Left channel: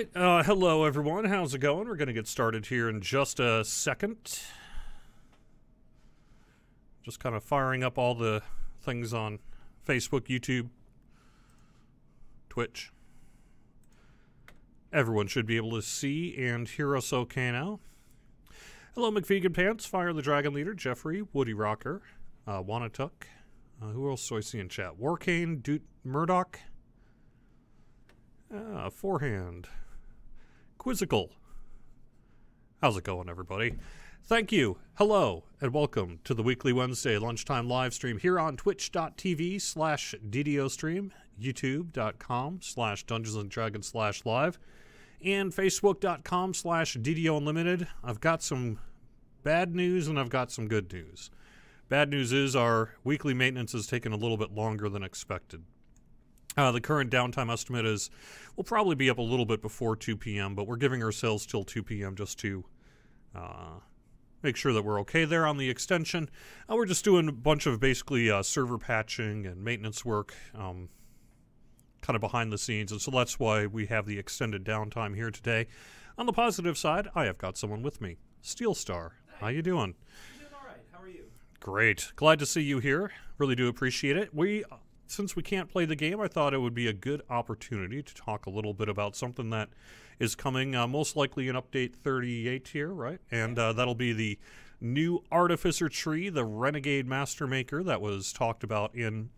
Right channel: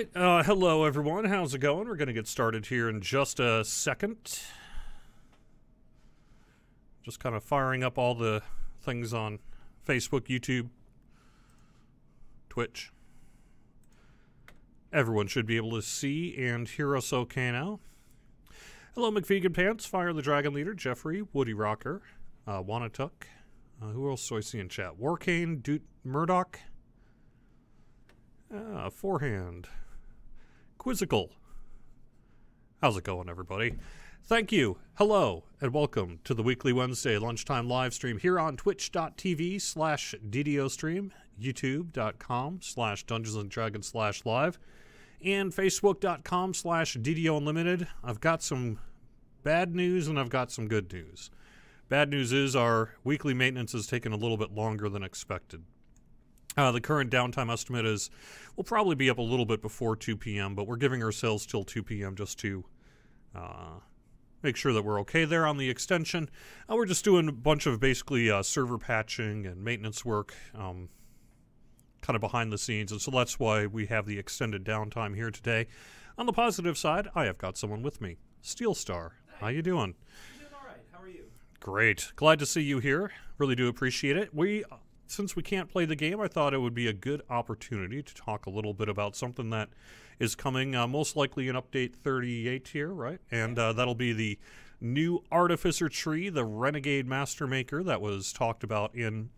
right, hello everyone. How's it going? We're going to get started here in just a second. Just kind of firing up all the things on Facebook, YouTube, Twitch. Everyone should be able to see and hear us okay now. Hello, McVegan Pants, Fire the Dragon Leader, Jeffrey, Woody Rocker, Wanatuk. Who else do I see in chat? Warcane, Murdoch, Forehand, Quizzical. How's it going, everybody? Thank you, hello, and welcome to the weekly Wednesday lunchtime live stream here on twitch.tv/DDO stream, youtube.com/DungeonsandDragons/live, and facebook.com/DDO Unlimited. I've got some bad news and I've got some good news. Bad news is our weekly maintenance has taken a little bit longer than expected. The current downtime estimate is we'll probably be up a little bit before 2 p.m., but we're giving ourselves till 2 p.m. just to make sure that we're okay there on the extension. We're just doing a bunch of basically server patching and maintenance work kind of behind the scenes, and so that's why we have the extended downtime here today. On the positive side, I have got someone with me. Steel Star, how you doing? I'm doing all right. How are you? Great. Glad to see you here. Really do appreciate it. Since we can't play the game, I thought it would be a good opportunity to talk a little bit about something that is coming, most likely in update 38 here, right? And that'll be the new artificer tree, the Renegade mastermaker that was talked about in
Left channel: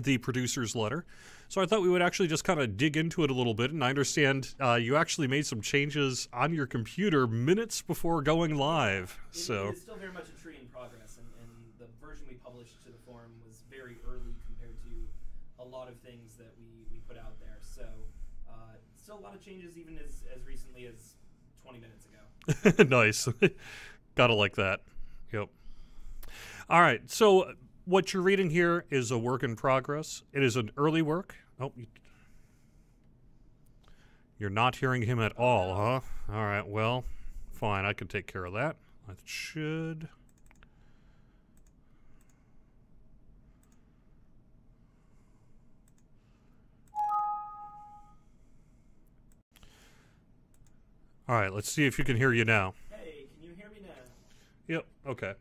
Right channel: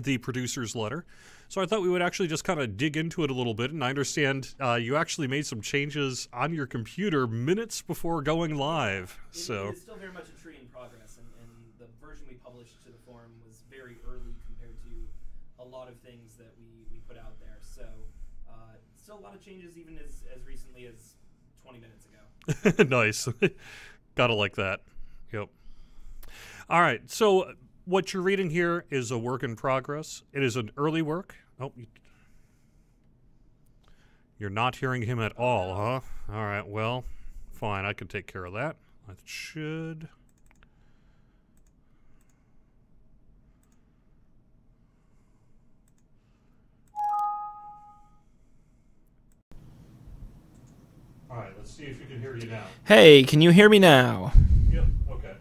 the producer's letter. So I thought we would actually just kind of dig into it a little bit, and I understand you actually made some changes on your computer minutes before going live. It is still very much a tree in progress, and the version we published to the forum was very early compared to a lot of things that we put out there. So still a lot of changes even as recently as 20 minutes ago. Nice. Gotta like that. Yep. All right, so what you're reading here is a work in progress. It is an early work. Oh, you're not hearing him at all, huh? All right, well, fine. I can take care of that. I should. All right, let's see if you can hear you now. Hey, can you hear me now? Yep, okay.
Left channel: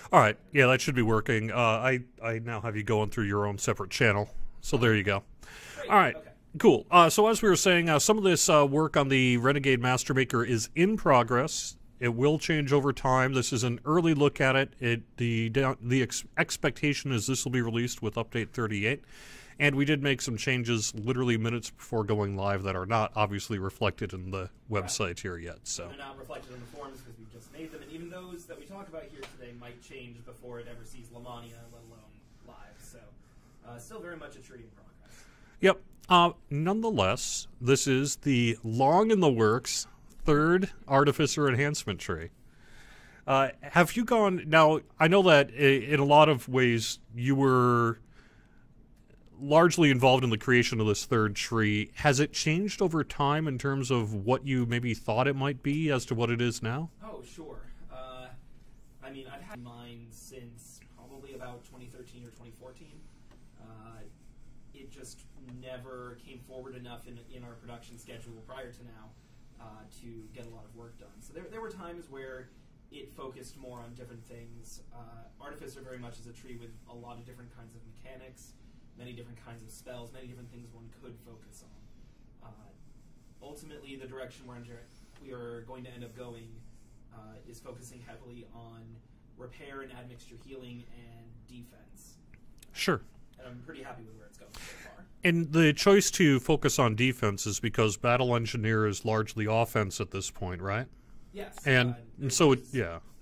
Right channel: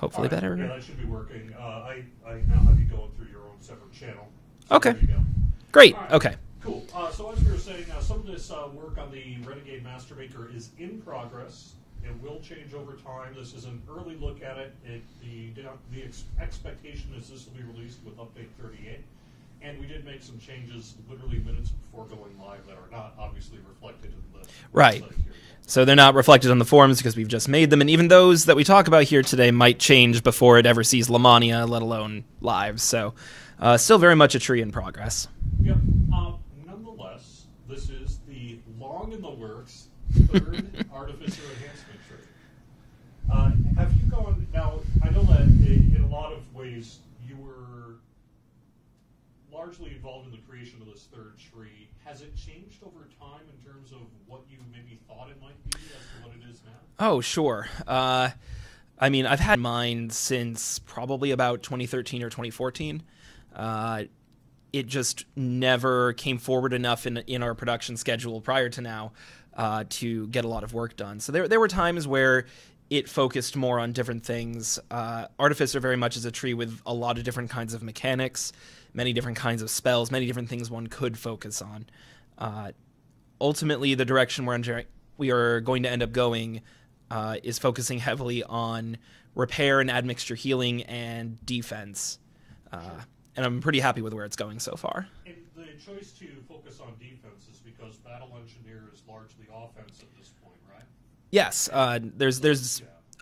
Hopefully all right, better. Yeah, that should be working. I now have you going through your own separate channel. So okay. There you go. Great. All right. Okay. Cool. So as we were saying, some of this work on the Renegade Mastermaker is in progress. It will change over time. This is an early look at it. The expectation is this will be released with update 38. And we did make some changes literally minutes before going live that are not obviously reflected in the website here yet. So they're not reflected on the forums because we've just made them, and even those that we talk about here today might change before it ever sees Lamania, let alone live. So still very much a tree in progress. Yep. Nonetheless, this is the long in the works third artificer enhancement tree. Have you gone... Now, I know that in a lot of ways you were largely involved in the creation of this third tree. Has it changed over time in terms of what you maybe thought it might be as to what it is now? Oh, sure. I mean, I've had mine since probably about 2013 or 2014. It just never came forward enough in our production schedule prior to now to get a lot of work done. So there were times where it focused more on different things. Artificer very much is a tree with a lot of different kinds of mechanics, many different kinds of spells, many different things one could focus on. Ultimately, the direction we are going to end up going is focusing heavily on repair and admixture healing and defense. Sure. And I'm pretty happy with where it's going so far. And the choice to focus on defense is because Battle Engineer is largely offense at this point, right? Yes, there's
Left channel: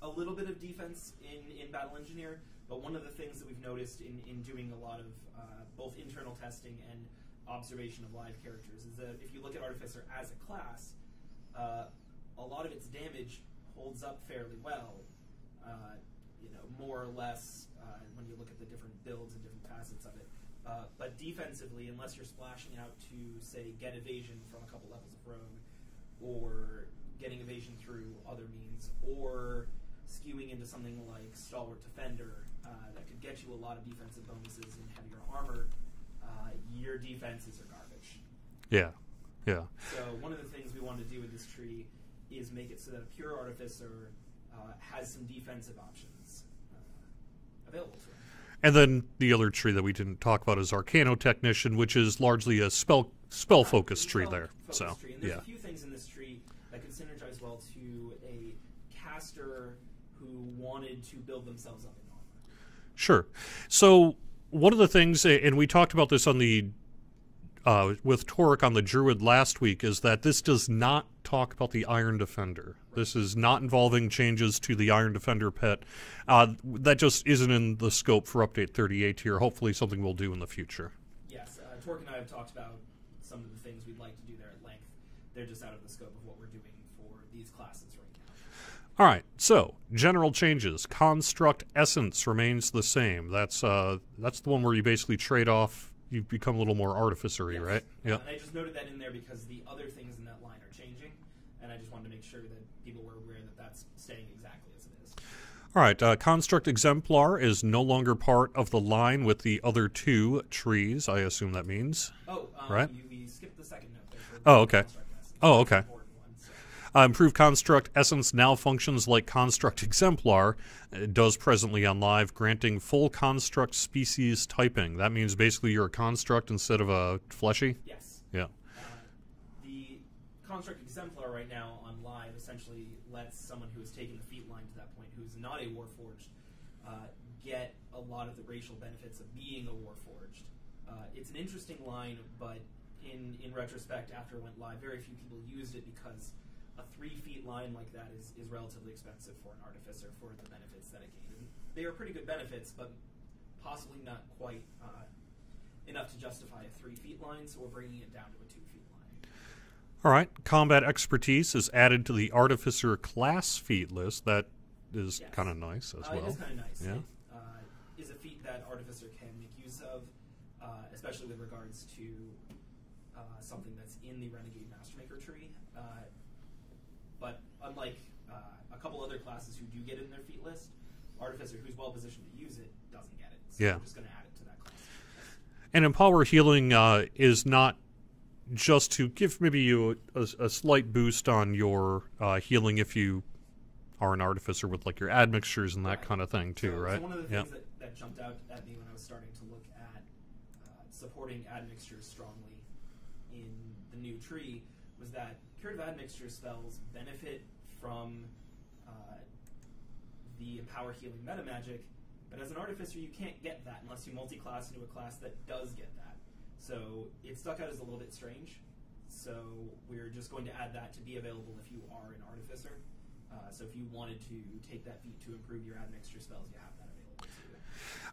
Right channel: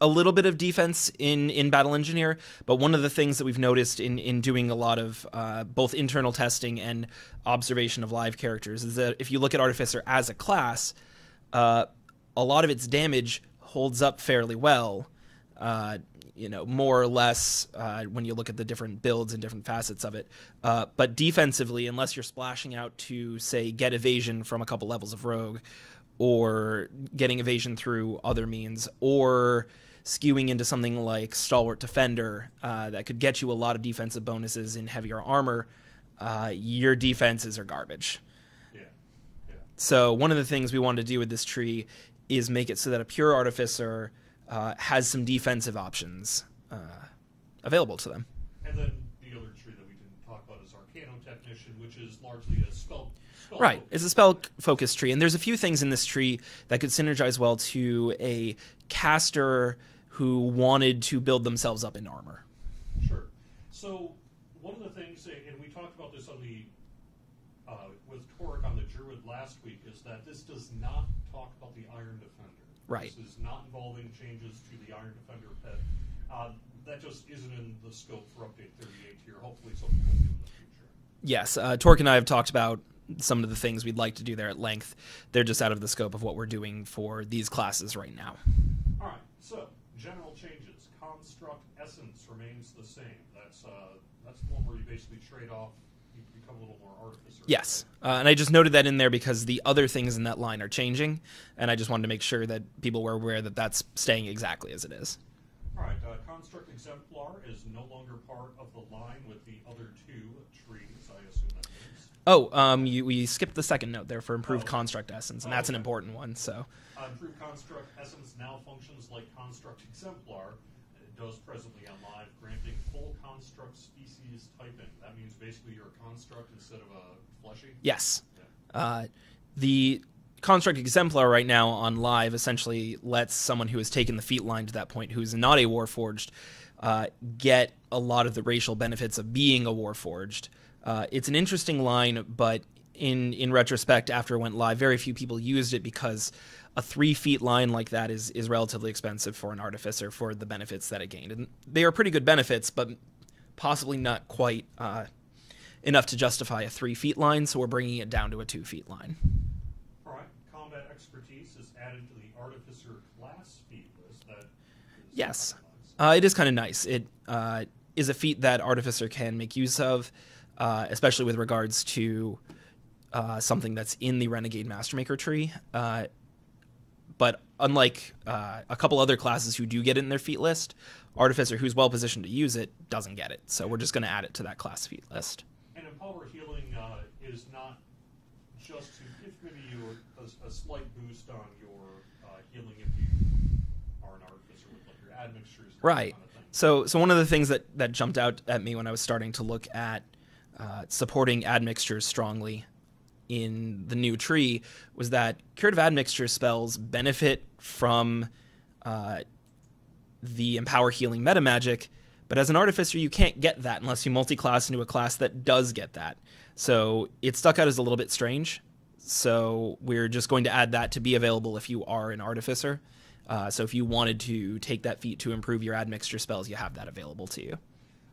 a little bit of defense in Battle Engineer, but one of the things that we've noticed in doing a lot of both internal testing and observation of live characters is that if you look at Artificer as a class, a lot of its damage holds up fairly well, more or less when you look at the different builds and different facets of it. But defensively, unless you're splashing out to, say, get evasion from a couple levels of Rogue, or getting evasion through other means, or skewing into something like Stalwart Defender that could get you a lot of defensive bonuses in heavier armor, your defenses are garbage. Yeah. Yeah. So one of the things we wanted to do with this tree is make it so that a pure artificer has some defensive options available to them. And then the other tree that we didn't talk about is Arcano Technician, which is largely a spell-focused tree. It's a spell-focused tree, and there's a few things in this tree that could synergize well to a caster who wanted to build themselves up in armor. Sure. So one of the things, and we talked about this on the with Torek on the Druid last week, is that this does not talk about the Iron Defender. Right. This is not involving changes to the Iron Defender pet. That just isn't in the scope for Update 38 here. Hopefully something we'll do in the future. Yes, Torek and I have talked about some of the things we'd like to do there at length. They're just out of the scope of what we're doing for these classes right now. All right, so general changes. Construct Essence remains the same. That's the one where you basically trade off. You become a little more artificer, yes. Right? And I just noted that in there because the other things in that line are changing, and I just wanted to make sure that people were aware that that's staying exactly as it is. All right, Construct Exemplar is no longer part of the line with the other two trees, I assume that means. Oh, right? we skipped the second note there for Improved Construct Essence. That's an important one. So, Improved Construct Essence now functions like Construct Exemplar. It does presently on live, granting full construct species typing. That means basically you're a construct instead of a fleshy? Yes. Yeah. The Construct Exemplar right now on live essentially lets someone who has taken the feat line to that point, who's not a Warforged, get a lot of the racial benefits of being a Warforged. It's an interesting line, but in retrospect, after it went live, very few people used it because a 3 feet line like that is relatively expensive for an artificer for the benefits that it gained. And they are pretty good benefits, but possibly not quite enough to justify a 3 feet line, so we're bringing it down to a 2 feet line. All right. Combat Expertise is added to the Artificer class feat list. That is kind of nice. It is kind of nice. Yeah. It is a feat that Artificer can make use of, especially with regards to something that's in the Renegade Mastermaker tree. But unlike a couple other classes who do get it in their feat list, Artificer, who's well positioned to use it, doesn't get it. So we're just going to add it to that class feat list. And Empower Healing is not just to give maybe you a slight boost on your healing if you are an artificer with like your admixtures and that kind of thing. So one of the things that jumped out at me when I was starting to look at supporting admixtures strongly in the new tree was that Curative Admixture spells benefit from the Empower Healing meta magic, but as an artificer you can't get that unless you multi-class into a class that does get that. So it stuck out as a little bit strange. So we're just going to add that to be available if you are an artificer. So if you wanted to take that feat to improve your admixture spells, you have that available to you.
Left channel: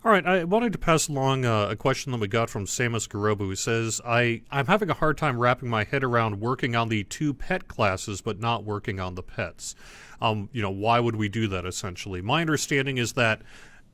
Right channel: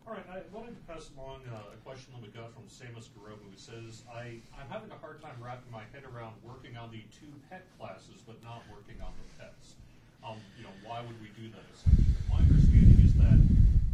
All right, I wanted to pass along a question that we got from Samus Garobu, who says, I'm having a hard time wrapping my head around working on the 2 pet classes but not working on the pets. Why would we do that, essentially? My understanding is that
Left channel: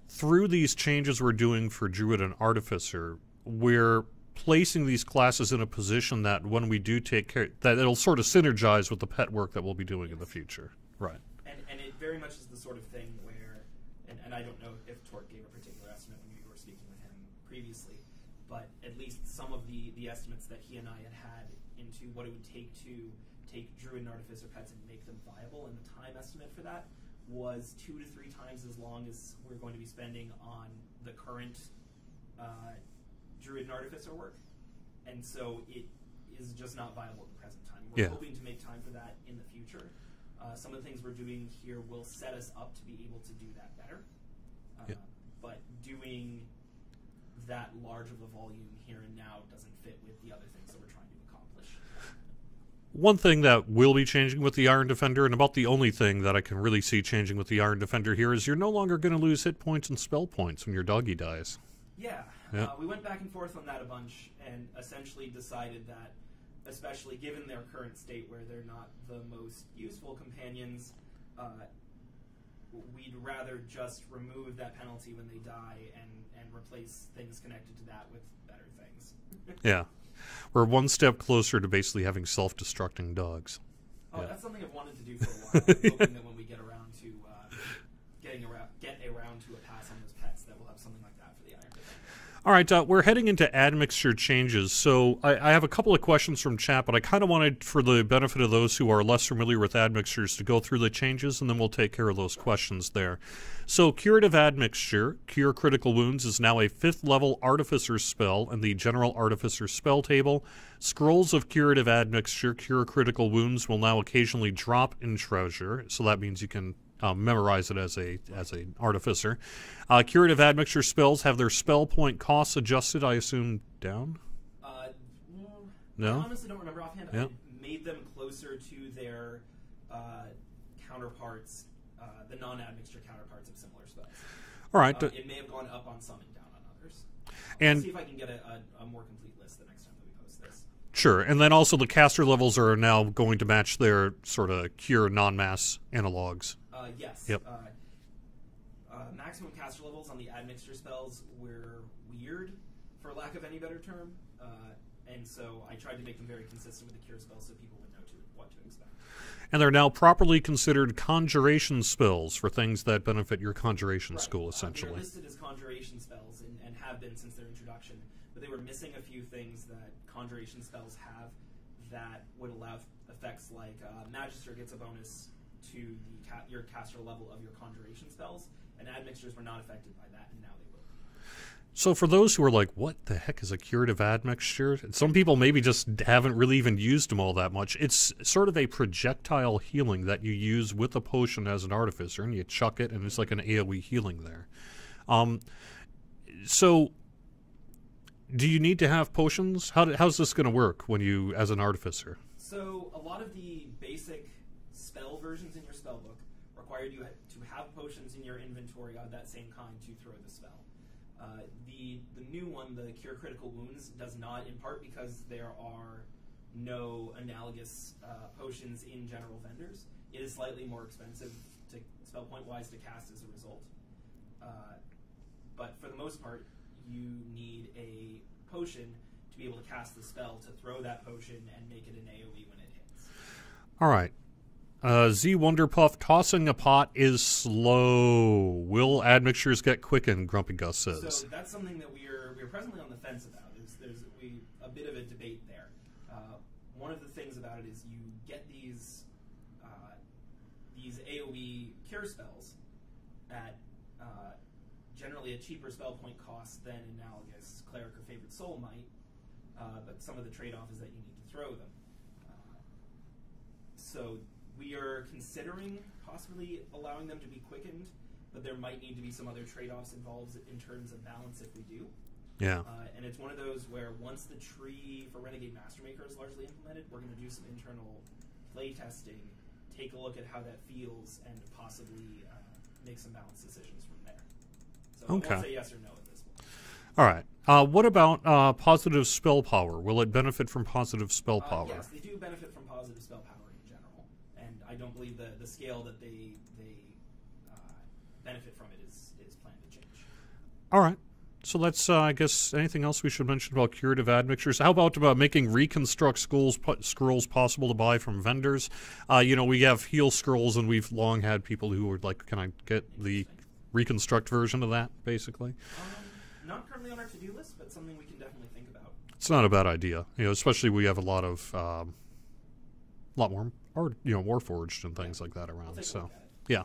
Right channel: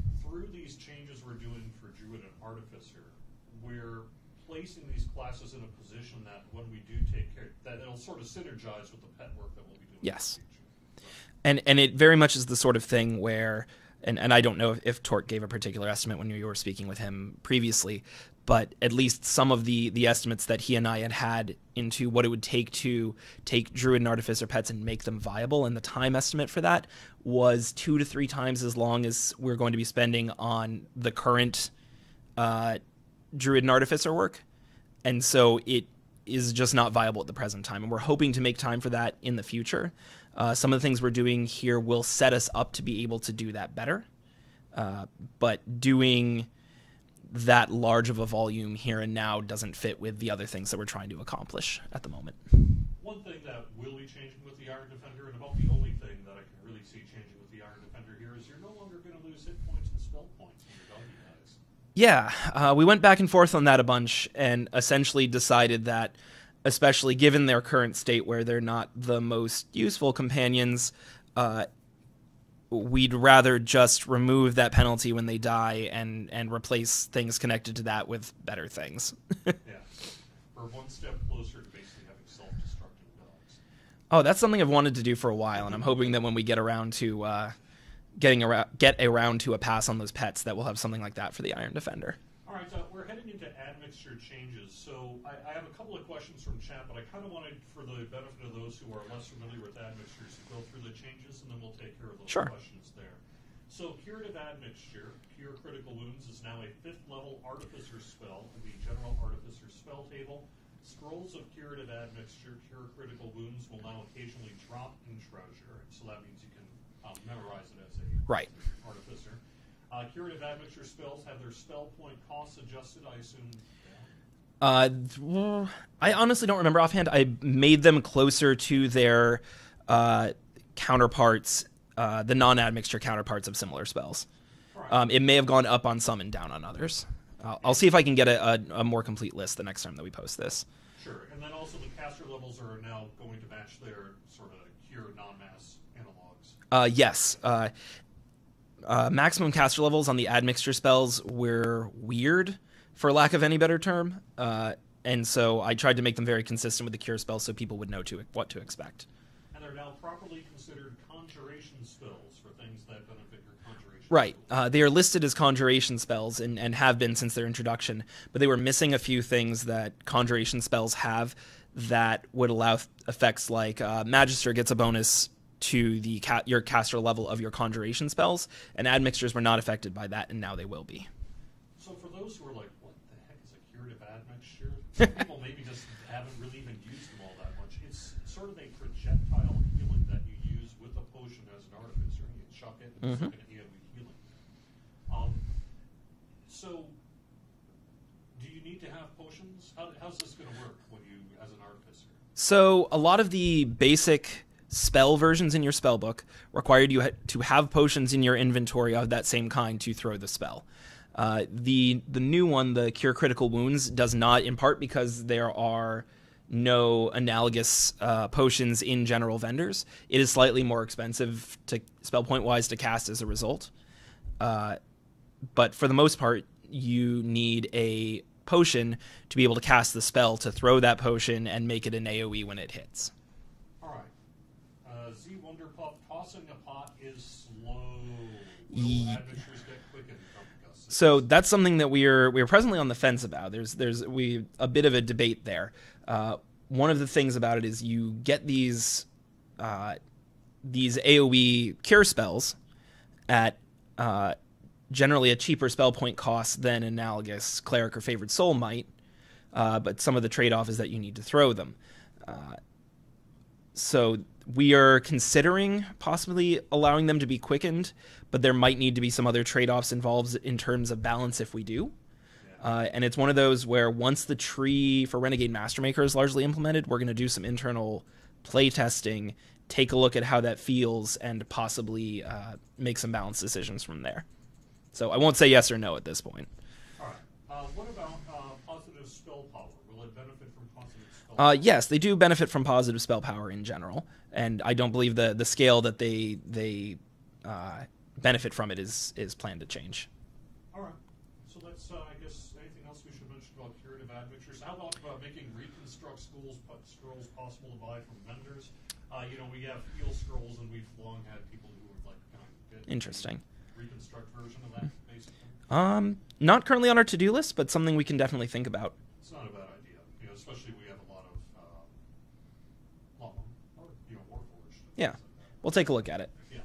through these changes we're doing for Druid and Artificer, we're placing these classes in a position that when we do take care, that it'll sort of synergize with the pet work that we'll be doing in the future. Right. And it very much is the sort of thing where, and I don't know if Torque gave a particular estimate when you were speaking with him previously, but at least some of the estimates that he and I had into what it would take to take Druid and Artificer pets and make them viable, and the time estimate for that was 2 to 3 times as long as we're going to be spending on the current Druid and Artificer work. And so it is just not viable at the present time, and we're hoping to make time for that in the future. Some of the things we're doing here will set us up to be able to do that better. But doing that large of a volume here and now doesn't fit with the other things that we're trying to accomplish at the moment. One thing that will be changing with the Iron Defender, and about the only thing that I can really see changing with the Iron Defender here, is you're no longer going to lose hit points and spell points when your doggy dies. Yeah, we went back and forth on that a bunch and essentially decided that, especially given their current state where they're not the most useful companions, we'd rather just remove that penalty when they die and replace things connected to that with better things. Yeah. We're one step closer to basically having self-destructing dogs. Oh, that's something I've wanted to do for a while, and I'm hoping that when we get around to get around to a pass on those pets, that we'll have something like that for the Iron Defender. All right, we're heading into admixture changes. So I have a couple of questions from chat, but I kind of wanted, for the benefit of those who are less familiar with admixtures, to go through the changes, and then we'll take care of those questions there. So Curative Admixture, Cure Critical Wounds, is now a 5th level Artificer spell in the General Artificer spell table. Scrolls of Curative Admixture, Cure Critical Wounds, will now occasionally drop in Treasure, so that means you can memorize it as a Artificer. Curative Admixture spells have their spell point costs adjusted, I assume, down? No? I honestly don't remember offhand. No. I made them closer to their counterparts, the non-admixture counterparts of similar spells. All right. It may have gone up on some and down on others. I'll see if I can get a more complete list the next time that we post this. Sure, and then also the caster levels are now going to match their sort of Cure non-mass analogs. Yes. Yep. Maximum caster levels on the admixture spells were weird, for lack of any better term, and so I tried to make them very consistent with the Cure spells so people would know what to expect. And they're now properly considered conjuration spells for things that benefit your conjuration school. Right. They are listed as conjuration spells and have been since their introduction, but they were missing a few things that conjuration spells have that would allow effects like Magister gets a bonus to the your caster level of your conjuration spells, and admixtures were not affected by that, and now they will be. So for those who are like, what the heck is a curative admixture? Some people maybe just haven't really even used them all that much. It's sort of a projectile healing that you use with a potion as an artificer, and you chuck it, and it's like an AoE healing there. So do you need to have potions? How's this going to work when you, as an artificer? So a lot of the basic spell versions in your spell book required you to have potions in your inventory of that same kind to throw the spell. The new one, the Cure Critical Wounds, does not, in part because there are no analogous potions in general vendors. It is slightly more expensive to spell point wise to cast as a result. But for the most part, you need a potion to be able to cast the spell, to throw that potion and make it an AoE when it hits. All right. Z Wonderpuff, tossing a pot is slow. Will admixtures get quickened? Grumpy Gus says. So that's something that we're presently on the fence about. There's a bit of a debate there. One of the things about it is you get these AoE cure spells at generally a cheaper spell point cost than analogous cleric or favored soul might, but some of the trade-off is that you need to throw them. So we are considering possibly allowing them to be quickened, but there might need to be some other trade-offs involved in terms of balance if we do. Yeah. And it's one of those where once the tree for Renegade Mastermaker is largely implemented, we're going to do some internal play testing, take a look at how that feels, and possibly make some balanced decisions from there. So I won't say yes or no at this point. All right. What about positive spell power? Will it benefit from positive spell power? Yes, they do benefit from positive spell power in general, and I don't believe the scale that they benefit from it is planned to change. All right. So let's, I guess, anything else we should mention about curative admixtures? How about making reconstruct scrolls possible to buy from vendors? We have heal scrolls, and we've long had people who were like, can I get the reconstruct version of that, basically? Not currently on our to-do list, but something we can definitely think about. It's not a bad idea, especially we have a lot more, Warforged and things like that around. We'll take a look at it. Yeah.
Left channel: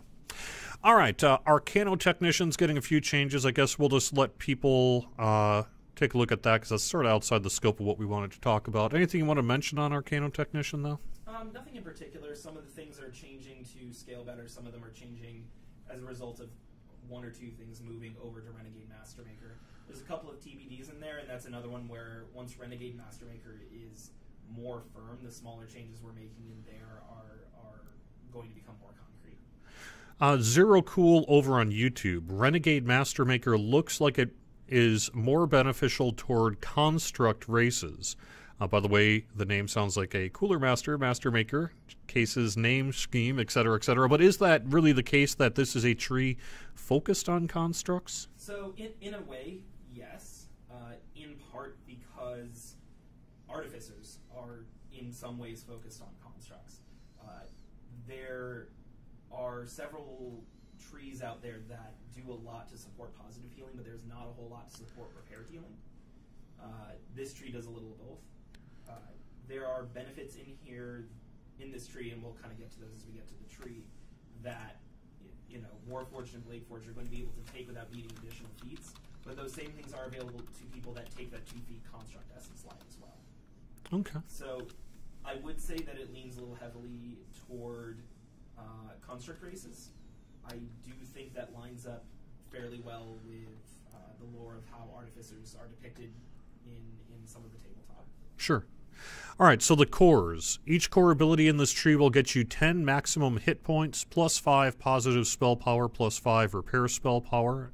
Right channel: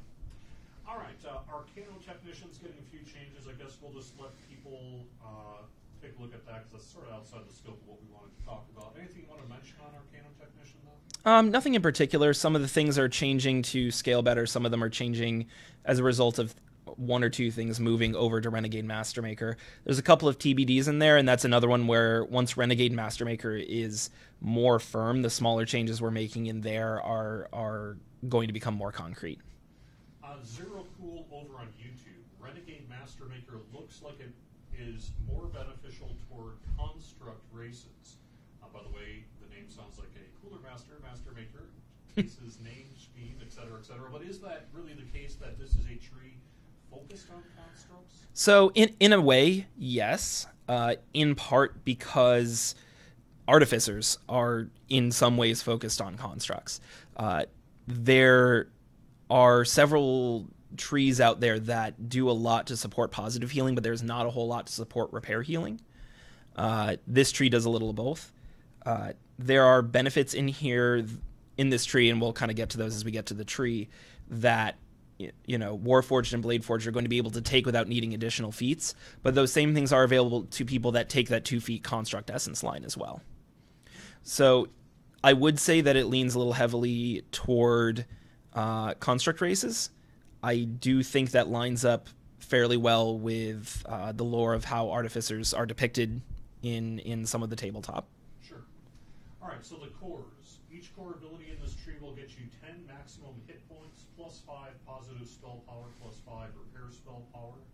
All right, Arcano Technician's getting a few changes. I guess we'll just let people take a look at that because that's sort of outside the scope of what we wanted to talk about. Anything you want to mention on Arcano Technician, though? Nothing in particular. Some of the things are changing to scale better. Some of them are changing as a result of one or two things moving over to Renegade Mastermaker. There's a couple of TBDs in there, and that's another one where once Renegade Mastermaker is more firm, the smaller changes we're making in there are going to become more concrete. Zero Cool over on YouTube. Renegade Mastermaker looks like it is more beneficial toward construct races. By the way, the name sounds like a cooler Mastermaker, cases, name, scheme, etc., etc. But is that really the case that this is a tree focused on constructs? So in a way, yes. In part because artificers are in some ways focused on constructs. There are several trees out there that do a lot to support positive healing, but there's not a whole lot to support repair healing. This tree does a little of both. There are benefits in here in this tree, and we'll kind of get to those as we get to the tree, that Warforged and Bladeforged are going to be able to take without needing additional feats, but those same things are available to people that take that 2-feat Construct Essence line as well. Okay. So I would say that it leans a little heavily toward Construct races. I do think that lines up fairly well with the lore of how artificers are depicted in some of the tabletop. Sure. All right, so the cores. Each core ability in this tree will get you 10 maximum hit points, plus 5 positive spell power, plus 5 repair spell power.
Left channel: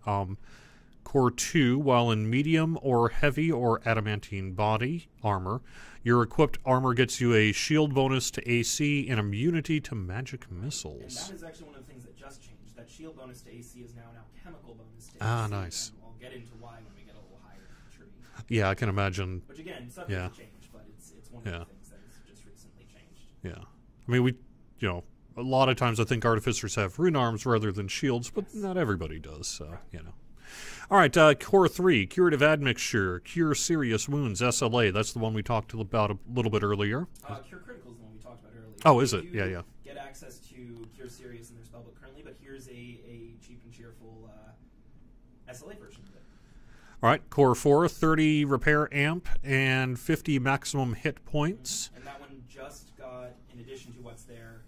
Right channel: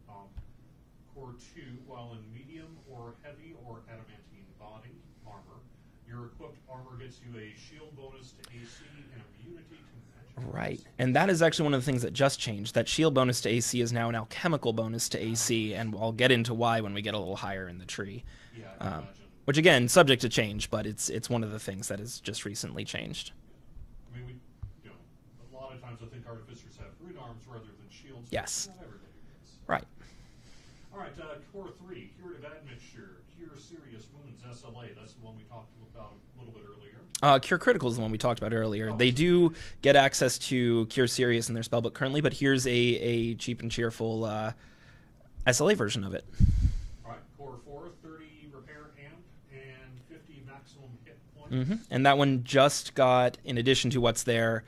Core 2, while in medium or heavy or adamantine body armor, your equipped armor gets you a shield bonus to AC and immunity to magic missiles. And that is actually one of the things that just changed. That shield bonus to AC is now an alchemical bonus to AC, nice. And I'll get into why when we get a little higher in the tree. Yeah, I can imagine. Which, again, subject to change, but it's one of the things that has just recently changed. Yeah. I mean, a lot of times I think artificers have rune arms rather than shields, but not everybody does. So, right. All right, Core 3, Curative Admixture, Cure Serious Wounds, SLA. That's the one we talked about a little bit earlier. Cure Critical is the one we talked about earlier. Oh, they do get access to Cure Serious in their spellbook currently, but here's a cheap and cheerful SLA version of it. All right, Core 4, 30 Repair Amp and 50 maximum hit points. And that one just got, in addition to what's there,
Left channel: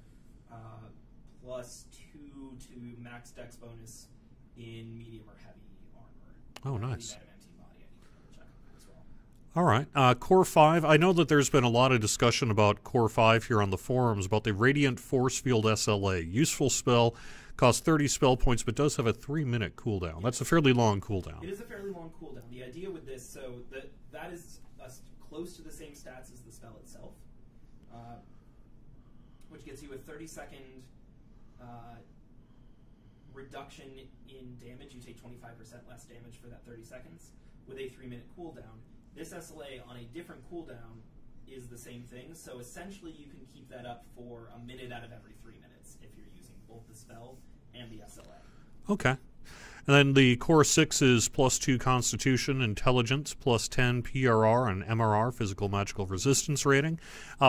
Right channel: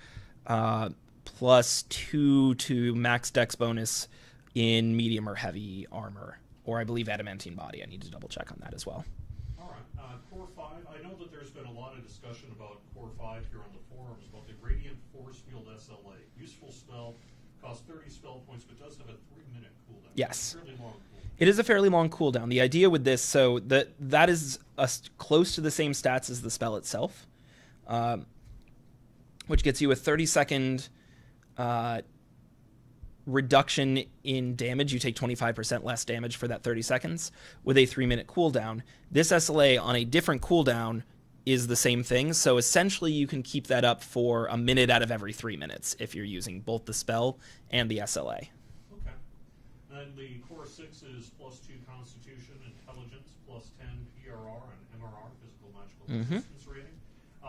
plus 2 to max dex bonus in medium or heavy armor, or I believe adamantine body. I need to double check on that as well. All right. Core 5, I know that there's been a lot of discussion about Core 5 here on the forums about the Radiant Force Field SLA. Useful spell, costs 30 spell points, but does have a 3-minute cooldown. Yes. That's a fairly long cooldown. It is a fairly long cooldown. The idea with this, so that is close to the same stats as the spell itself, which gets you a 30-second reduction in damage. You take 25% less damage for that 30 seconds with a 3-minute cooldown. This SLA on a different cooldown is the same thing, so essentially you can keep that up for a minute out of every 3 minutes if you're using both the spell and the SLA. Okay. And then the Core 6 is plus 2 Constitution, Intelligence, plus 10 PRR and MRR, Physical Magical Resistance rating,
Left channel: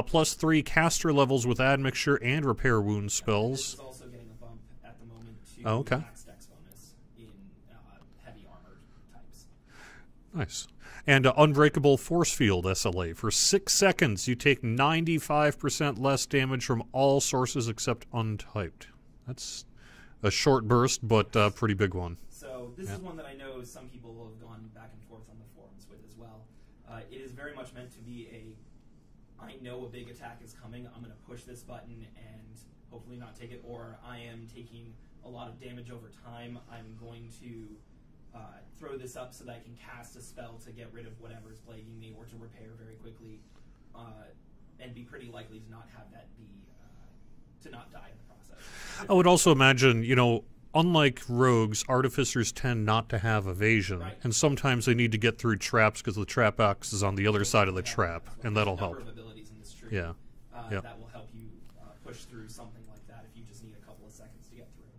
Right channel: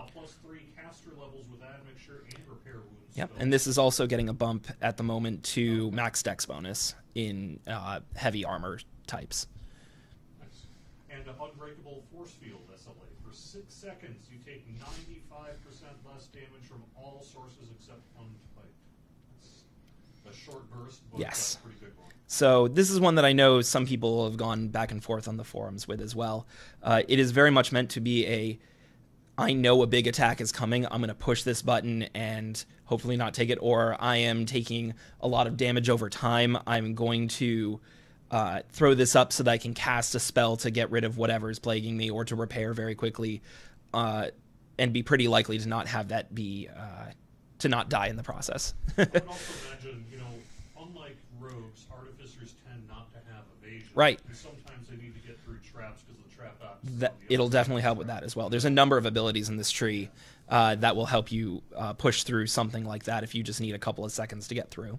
plus 3 caster levels with Admixture and Repair Wound spells. And this is also getting a bump at the moment to max dex bonus in heavy armor types. Nice. And Unbreakable Force Field SLA. For 6 seconds, you take 95% less damage from all sources except untyped. That's a short burst, but a pretty big one. So this is one that I know some people have gone back and forth on the forums with as well. It is very much meant to be I know a big attack is coming, I'm going to push this button and hopefully not take it, or I am taking a lot of damage over time, I'm going to throw this up so that I can cast a spell to get rid of whatever is plaguing me or to repair very quickly, and be pretty likely to not have that be... to not die in the process. I would also imagine, unlike rogues, artificers tend not to have evasion. Right. And sometimes they need to get through traps because the trap axe is on the other it'll side of the definitely help trap. with that as well. There's a number of abilities in this tree that will help you push through something like that if you just need a couple of seconds to get through.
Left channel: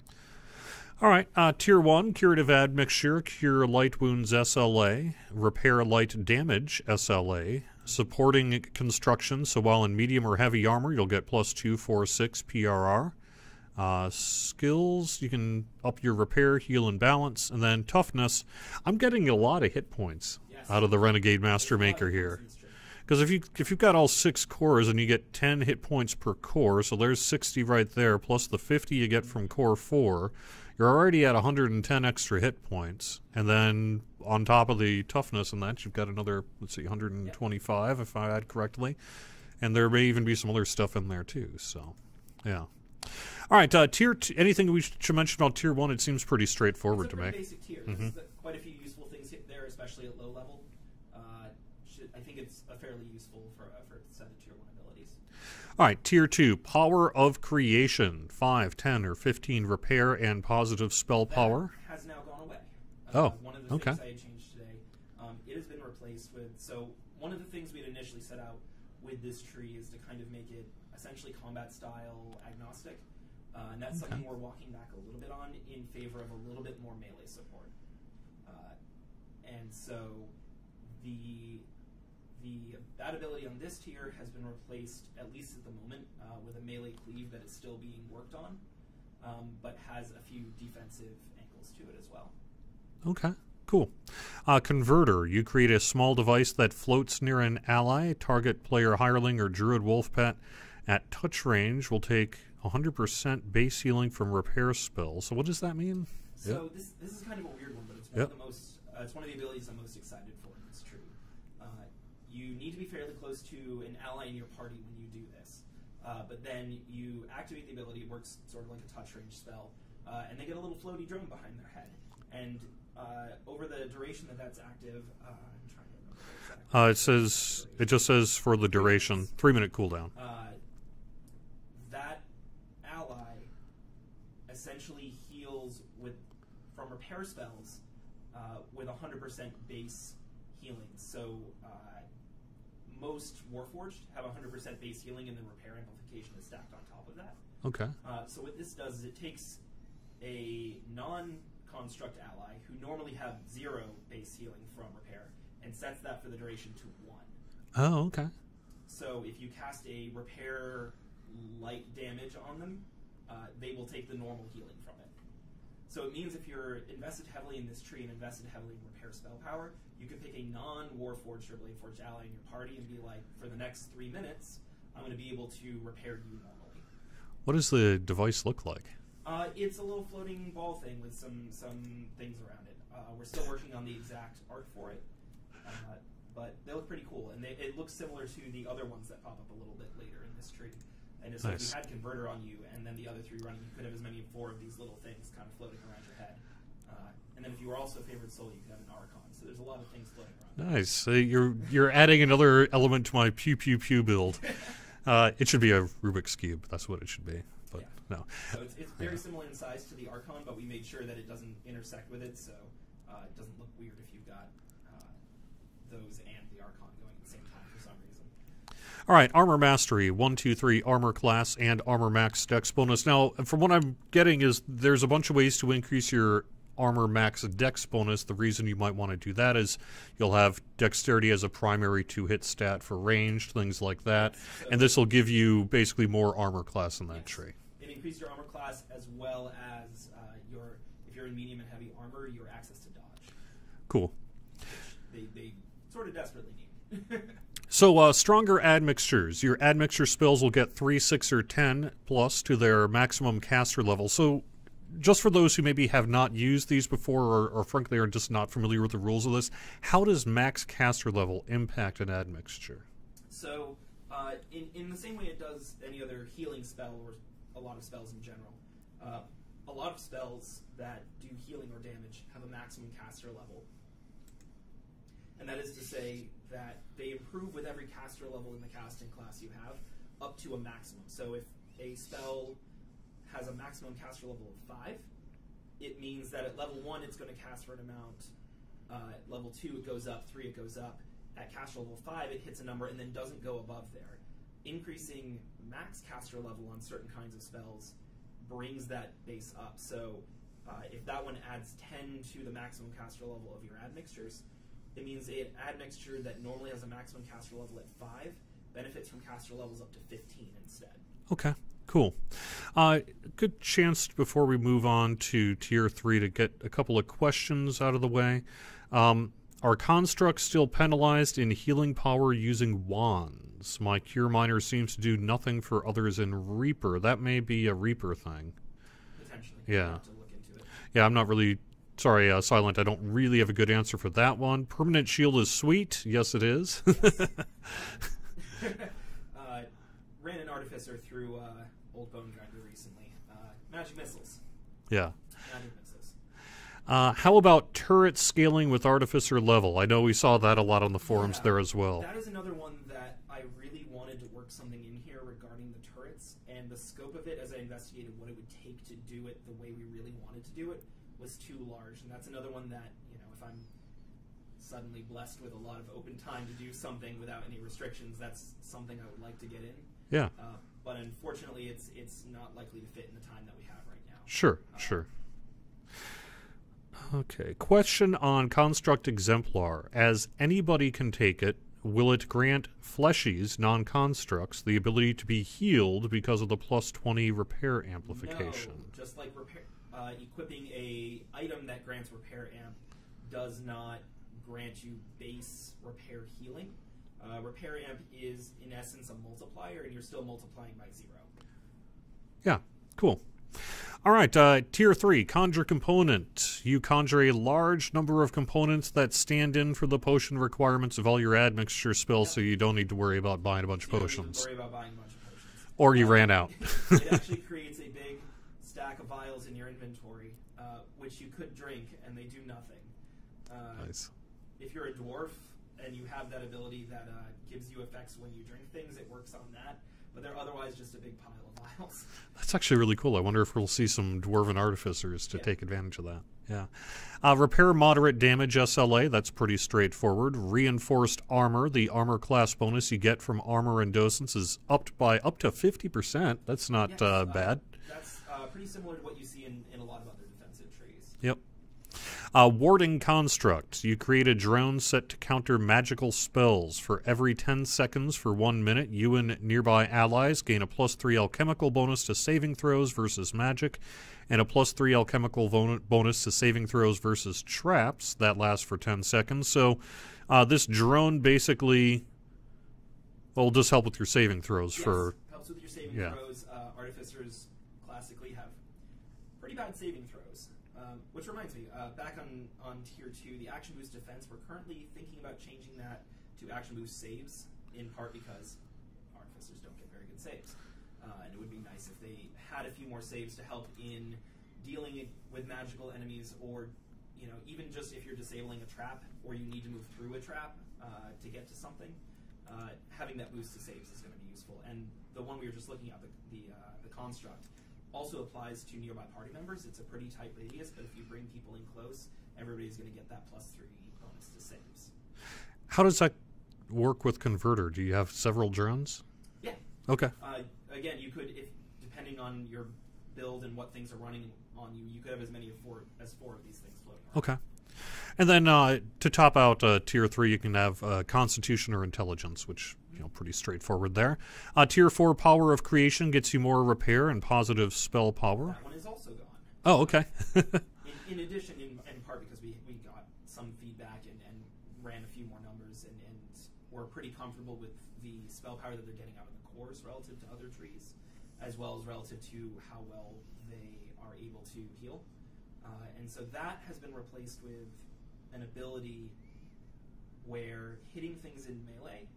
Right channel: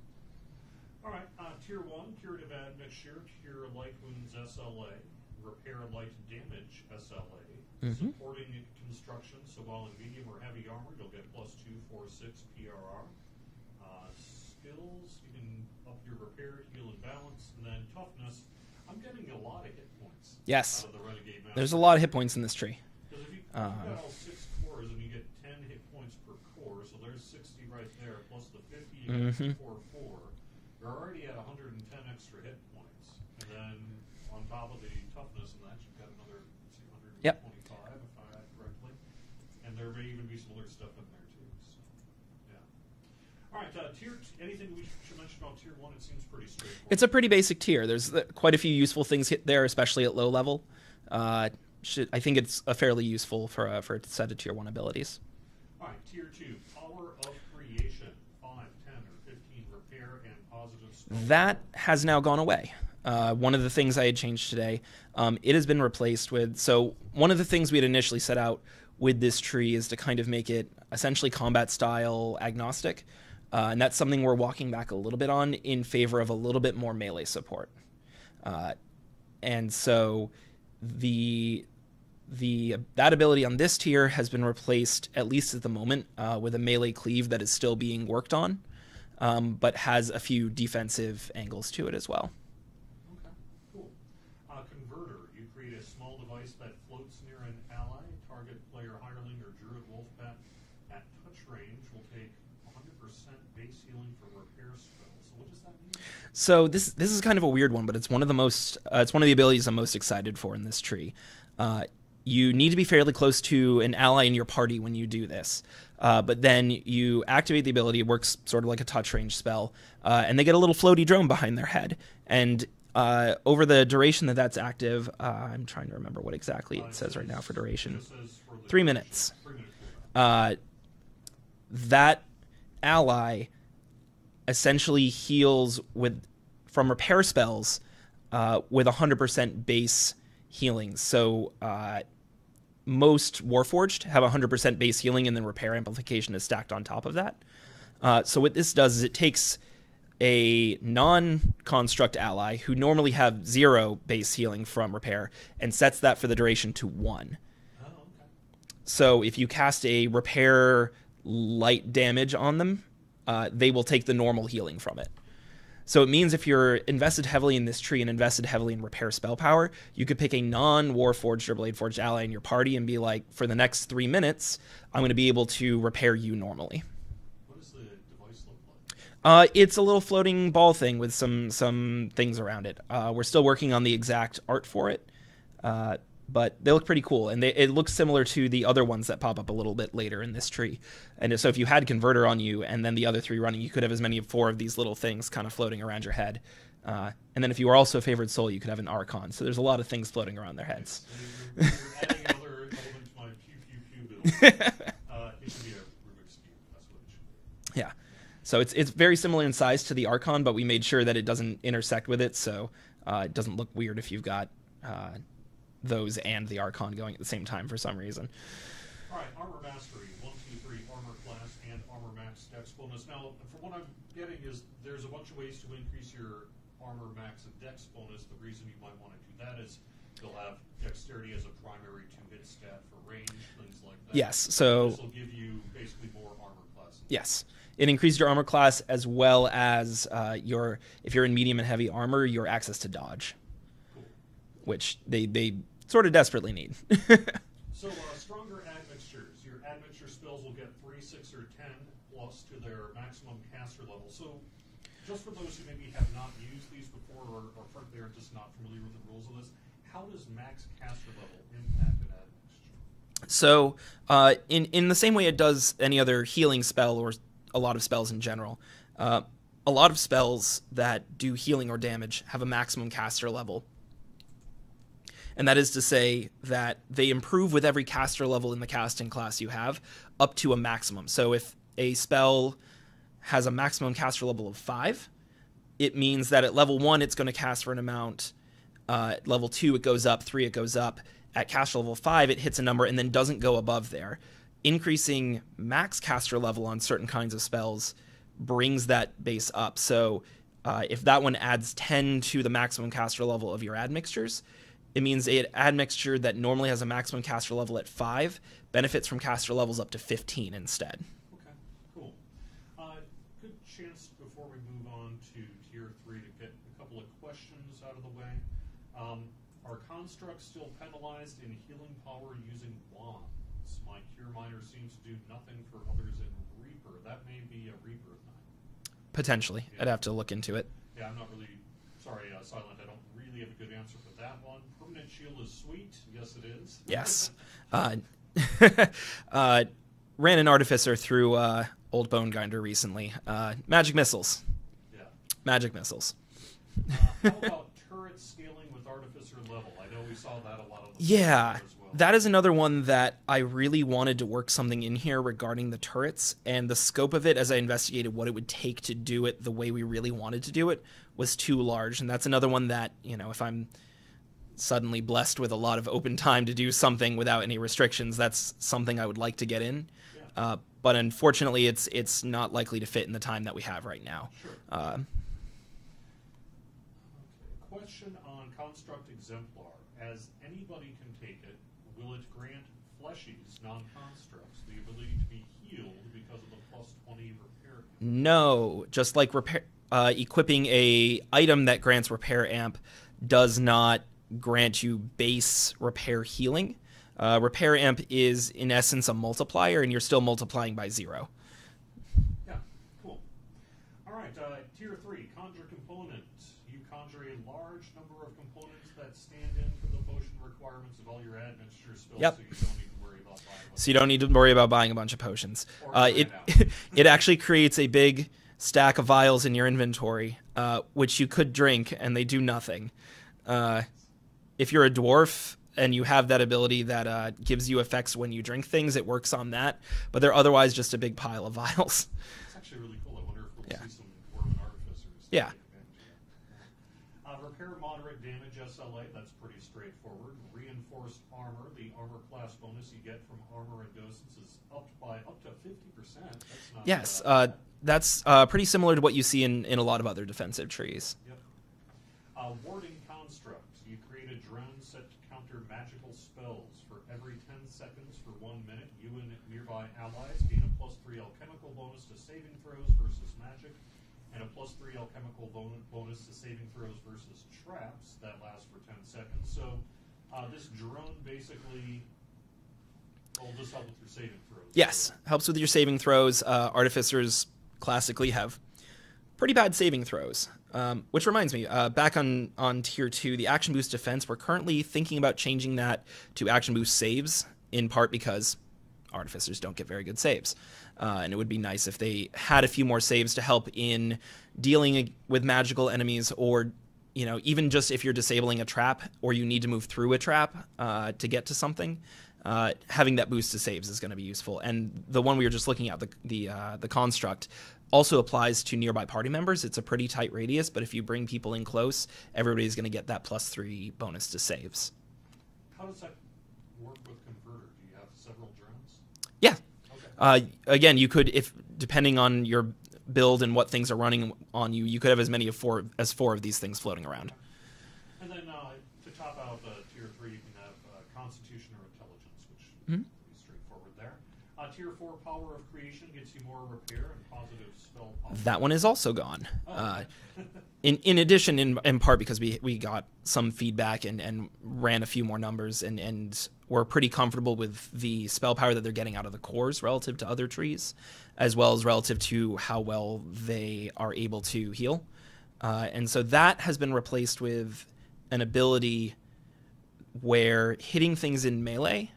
All right, Tier 1, Curative Admixture, Cure Light Wounds SLA, Repair Light Damage SLA, Supporting Construction, so while in medium or heavy armor, you'll get plus 2, 4, 6 PRR. Skills, you can up your repair, heal, and balance, and then toughness. I'm getting a lot of hit points out of the Renegade Mastermaker. There's a lot of hit points in this tree. Because if you've got all 6 cores and you get 10 hit points per core, so there's 60 right there, plus the 50 you get from Core 4, you're already at 110 extra hit points. And then on top of the toughness and that, you've got another, 125 if I add correctly. And there may even be some other stuff in there too, so yeah. All right, anything we should mention about Tier 1? It seems pretty straightforward. It's a pretty basic tier. There's quite a few useful things hit there, especially at low level. I think it's fairly useful for a set of Tier 1 abilities. All right, Tier 2, Power of Creation, 5, 10, or 15 repair and positive spell power. That has now gone away. One of the things I had changed today, it has been replaced with... So one of the things we had initially set out with this tree is to kind of make it essentially combat style agnostic. And that's something we're walking back a little bit on in favor of a little bit more melee support. And so that ability on this tier has been replaced, at least at the moment, with a melee cleave that is still being worked on, but has a few defensive angles to it as well. Okay, cool. Converter, you create a small device that floats near an ally. Target player hireling or druid wolf pet at touch range will take 100% base healing from repair spells. So what does that mean? So this is kind of a weird one, but it's one of the most it's one of the abilities I'm most excited for in this tree. You need to be fairly close to an ally in your party when you do this. But then you activate the ability. It works sort of like a touch range spell, and they get a little floaty drone behind their head. And over the duration that's active, I'm trying to remember what exactly it says right now for duration. It just says for the duration, 3-minute cooldown. That ally essentially heals from repair spells with 100% base healing. So most Warforged have 100% base healing, and then repair amplification is stacked on top of that. Okay. So what this does is it takes a non-construct ally who normally have 0 base healing from repair and sets that for the duration to 1. Oh, okay. So if you cast a repair light damage on them, they will take the normal healing from it. So it means if you're invested heavily in this tree and invested heavily in repair spell power, you could pick a non-Warforged or Bladeforged ally in your party and be like, for the next 3 minutes, I'm going to be able to repair you normally. What does the device look like? It's a little floating ball thing with some things around it. We're still working on the exact art for it, but they look pretty cool, and it looks similar to the other ones that pop up a little bit later in this tree. And so if you had Converter on you and then the other 3 running, you could have as many as 4 of these little things kind of floating around your head. And then if you were also a Favored Soul, you could have an Archon. So there's a lot of things floating around their heads. So you're adding another element to my pew pew pew build. It should be a Rubik's Cube. That's what it should be. Yeah. No. So it's very similar in size to the Archon, but we made sure that it doesn't intersect with it, so it doesn't look weird if you've got those and the Archon going at the same time for some reason. All right, Armor Mastery, 1, 2, 3, Armor Class, and Armor Max Dex bonus. Now, from what I'm getting is there's a bunch of ways to increase your Armor Max Dex bonus. The reason you might want to do that is you'll have Dexterity as a primary 2-hit stat for ranged, things like that. Yes, so and this will give you basically more Armor Class in that yes. tree. It increases your Armor Class as well as if you're in medium and heavy armor, your access to dodge. Cool. Which they sort of desperately need. So, stronger admixtures. Your admixture spells will get 3, 6, or 10 plus to their maximum caster level. So, just for those who maybe have not used these before or frankly are just not familiar with the rules of this, how does max caster level impact an admixture? So, in the same way it does any other healing spell or a lot of spells in general, a lot of spells that do healing or damage have a maximum caster level. And that is to say that they improve with every caster level in the casting class you have up to a maximum. So if a spell has a maximum caster level of 5, it means that at level 1 it's going to cast for an amount. At level 2 it goes up, 3 it goes up. At caster level 5 it hits a number and then doesn't go above there. Increasing max caster level on certain kinds of spells brings that base up. So if that one adds 10 to the maximum caster level of your admixtures, it means an admixture that normally has a maximum caster level at 5 benefits from caster levels up to 15 instead. Okay, cool. Good chance before we move on to Tier 3 to get a couple of questions out of the way. Are constructs still penalized in healing power using wands? My Cure Miner seems to do nothing for others in Reaper. That may be a Reaper thing. Potentially. Yeah. I'd have to look into it. Yeah, I'm not really... Sorry, Silent, I don't really have a good answer for that one. Permanent shield is sweet. Yes, it is. Yes. Ran an artificer through Old Bone Grinder recently. Magic missiles. Yeah. Magic missiles. How about turret scaling with artificer level? I know we saw that a lot on the forums there as well. That is another one that I really wanted to work something in here regarding the turrets, and the scope of it as I investigated what it would take to do it the way we really wanted to do it was too large. And that's another one that, you know, if I'm suddenly blessed with a lot of open time to do something without any restrictions, that's something I would like to get in. Yeah. but unfortunately, it's not likely to fit in the time that we have right now. Sure, sure. Okay, question on Construct Exemplar. As anybody can take it, will it grant fleshies, non-constructs, the ability to be healed because of the plus 20 repair amplification? No, just like equipping a item that grants repair amp does not grant you base repair healing. Repair amp is, in essence, a multiplier, and you're still multiplying by 0. Yeah, cool. All right, Tier 3, Conjure Component. You conjure a large number of components that stand in for the potion requirements of all your admixture spells, so you don't need to worry about buying a bunch of potions. So you don't need to worry about buying a bunch of potions. Or you ran out. It actually creates a big stack of vials in your inventory, which you could drink, and they do nothing. Nice. If you're a dwarf and you have that ability that gives you effects when you drink things, it works on that. But they're otherwise just a big pile of vials. That's actually really cool. I wonder if we'll see some dwarven artificers to take advantage of that. Yeah. Repair moderate damage SLA. That's pretty straightforward. Reinforced armor. The armor class bonus you get from armor and docents is upped by up to 50%. That's not bad. That's pretty similar to what you see in a lot of other defensive trees. Yep. Warding Construct. You create a drone set to counter magical spells. For every 10 seconds for 1 minute, you and nearby allies gain a plus 3 alchemical bonus to saving throws versus magic, and a plus 3 alchemical bonus to saving throws versus traps. That lasts for 10 seconds. So this drone basically will just help with your saving throws. Yes, helps with your saving throws. Artificers classically have pretty bad saving throws. Which reminds me, back on Tier 2, the Action Boost Defense, we're currently thinking about changing that to Action Boost Saves, in part because Artificers don't get very good saves. And it would be nice if they had a few more saves to help in dealing with magical enemies, or even just if you're disabling a trap or you need to move through a trap to get to something. Having that boost to saves is going to be useful. And the one we were just looking at, the Construct, also applies to nearby party members. It's a pretty tight radius, but if you bring people in close, everybody's going to get that plus 3 bonus to saves. How does that work with Converter? Do you have several drones? Yeah. Okay. Again, you could, if depending on your build and what things are running on you, you could have as many as four of these things floating around. Okay. And then to top out Tier 3, you can have Constitution or Intelligence, which pretty straightforward there. Tier 4, Power of Creation gets you more repair and positive spell power. That one is also gone. Oh, okay. in addition, in part because we got some feedback and ran a few more numbers, and we're pretty comfortable with the spell power that they're getting out of the cores relative to other trees, as well as relative to how well they are able to heal. And so that has been replaced with an ability where hitting things in melee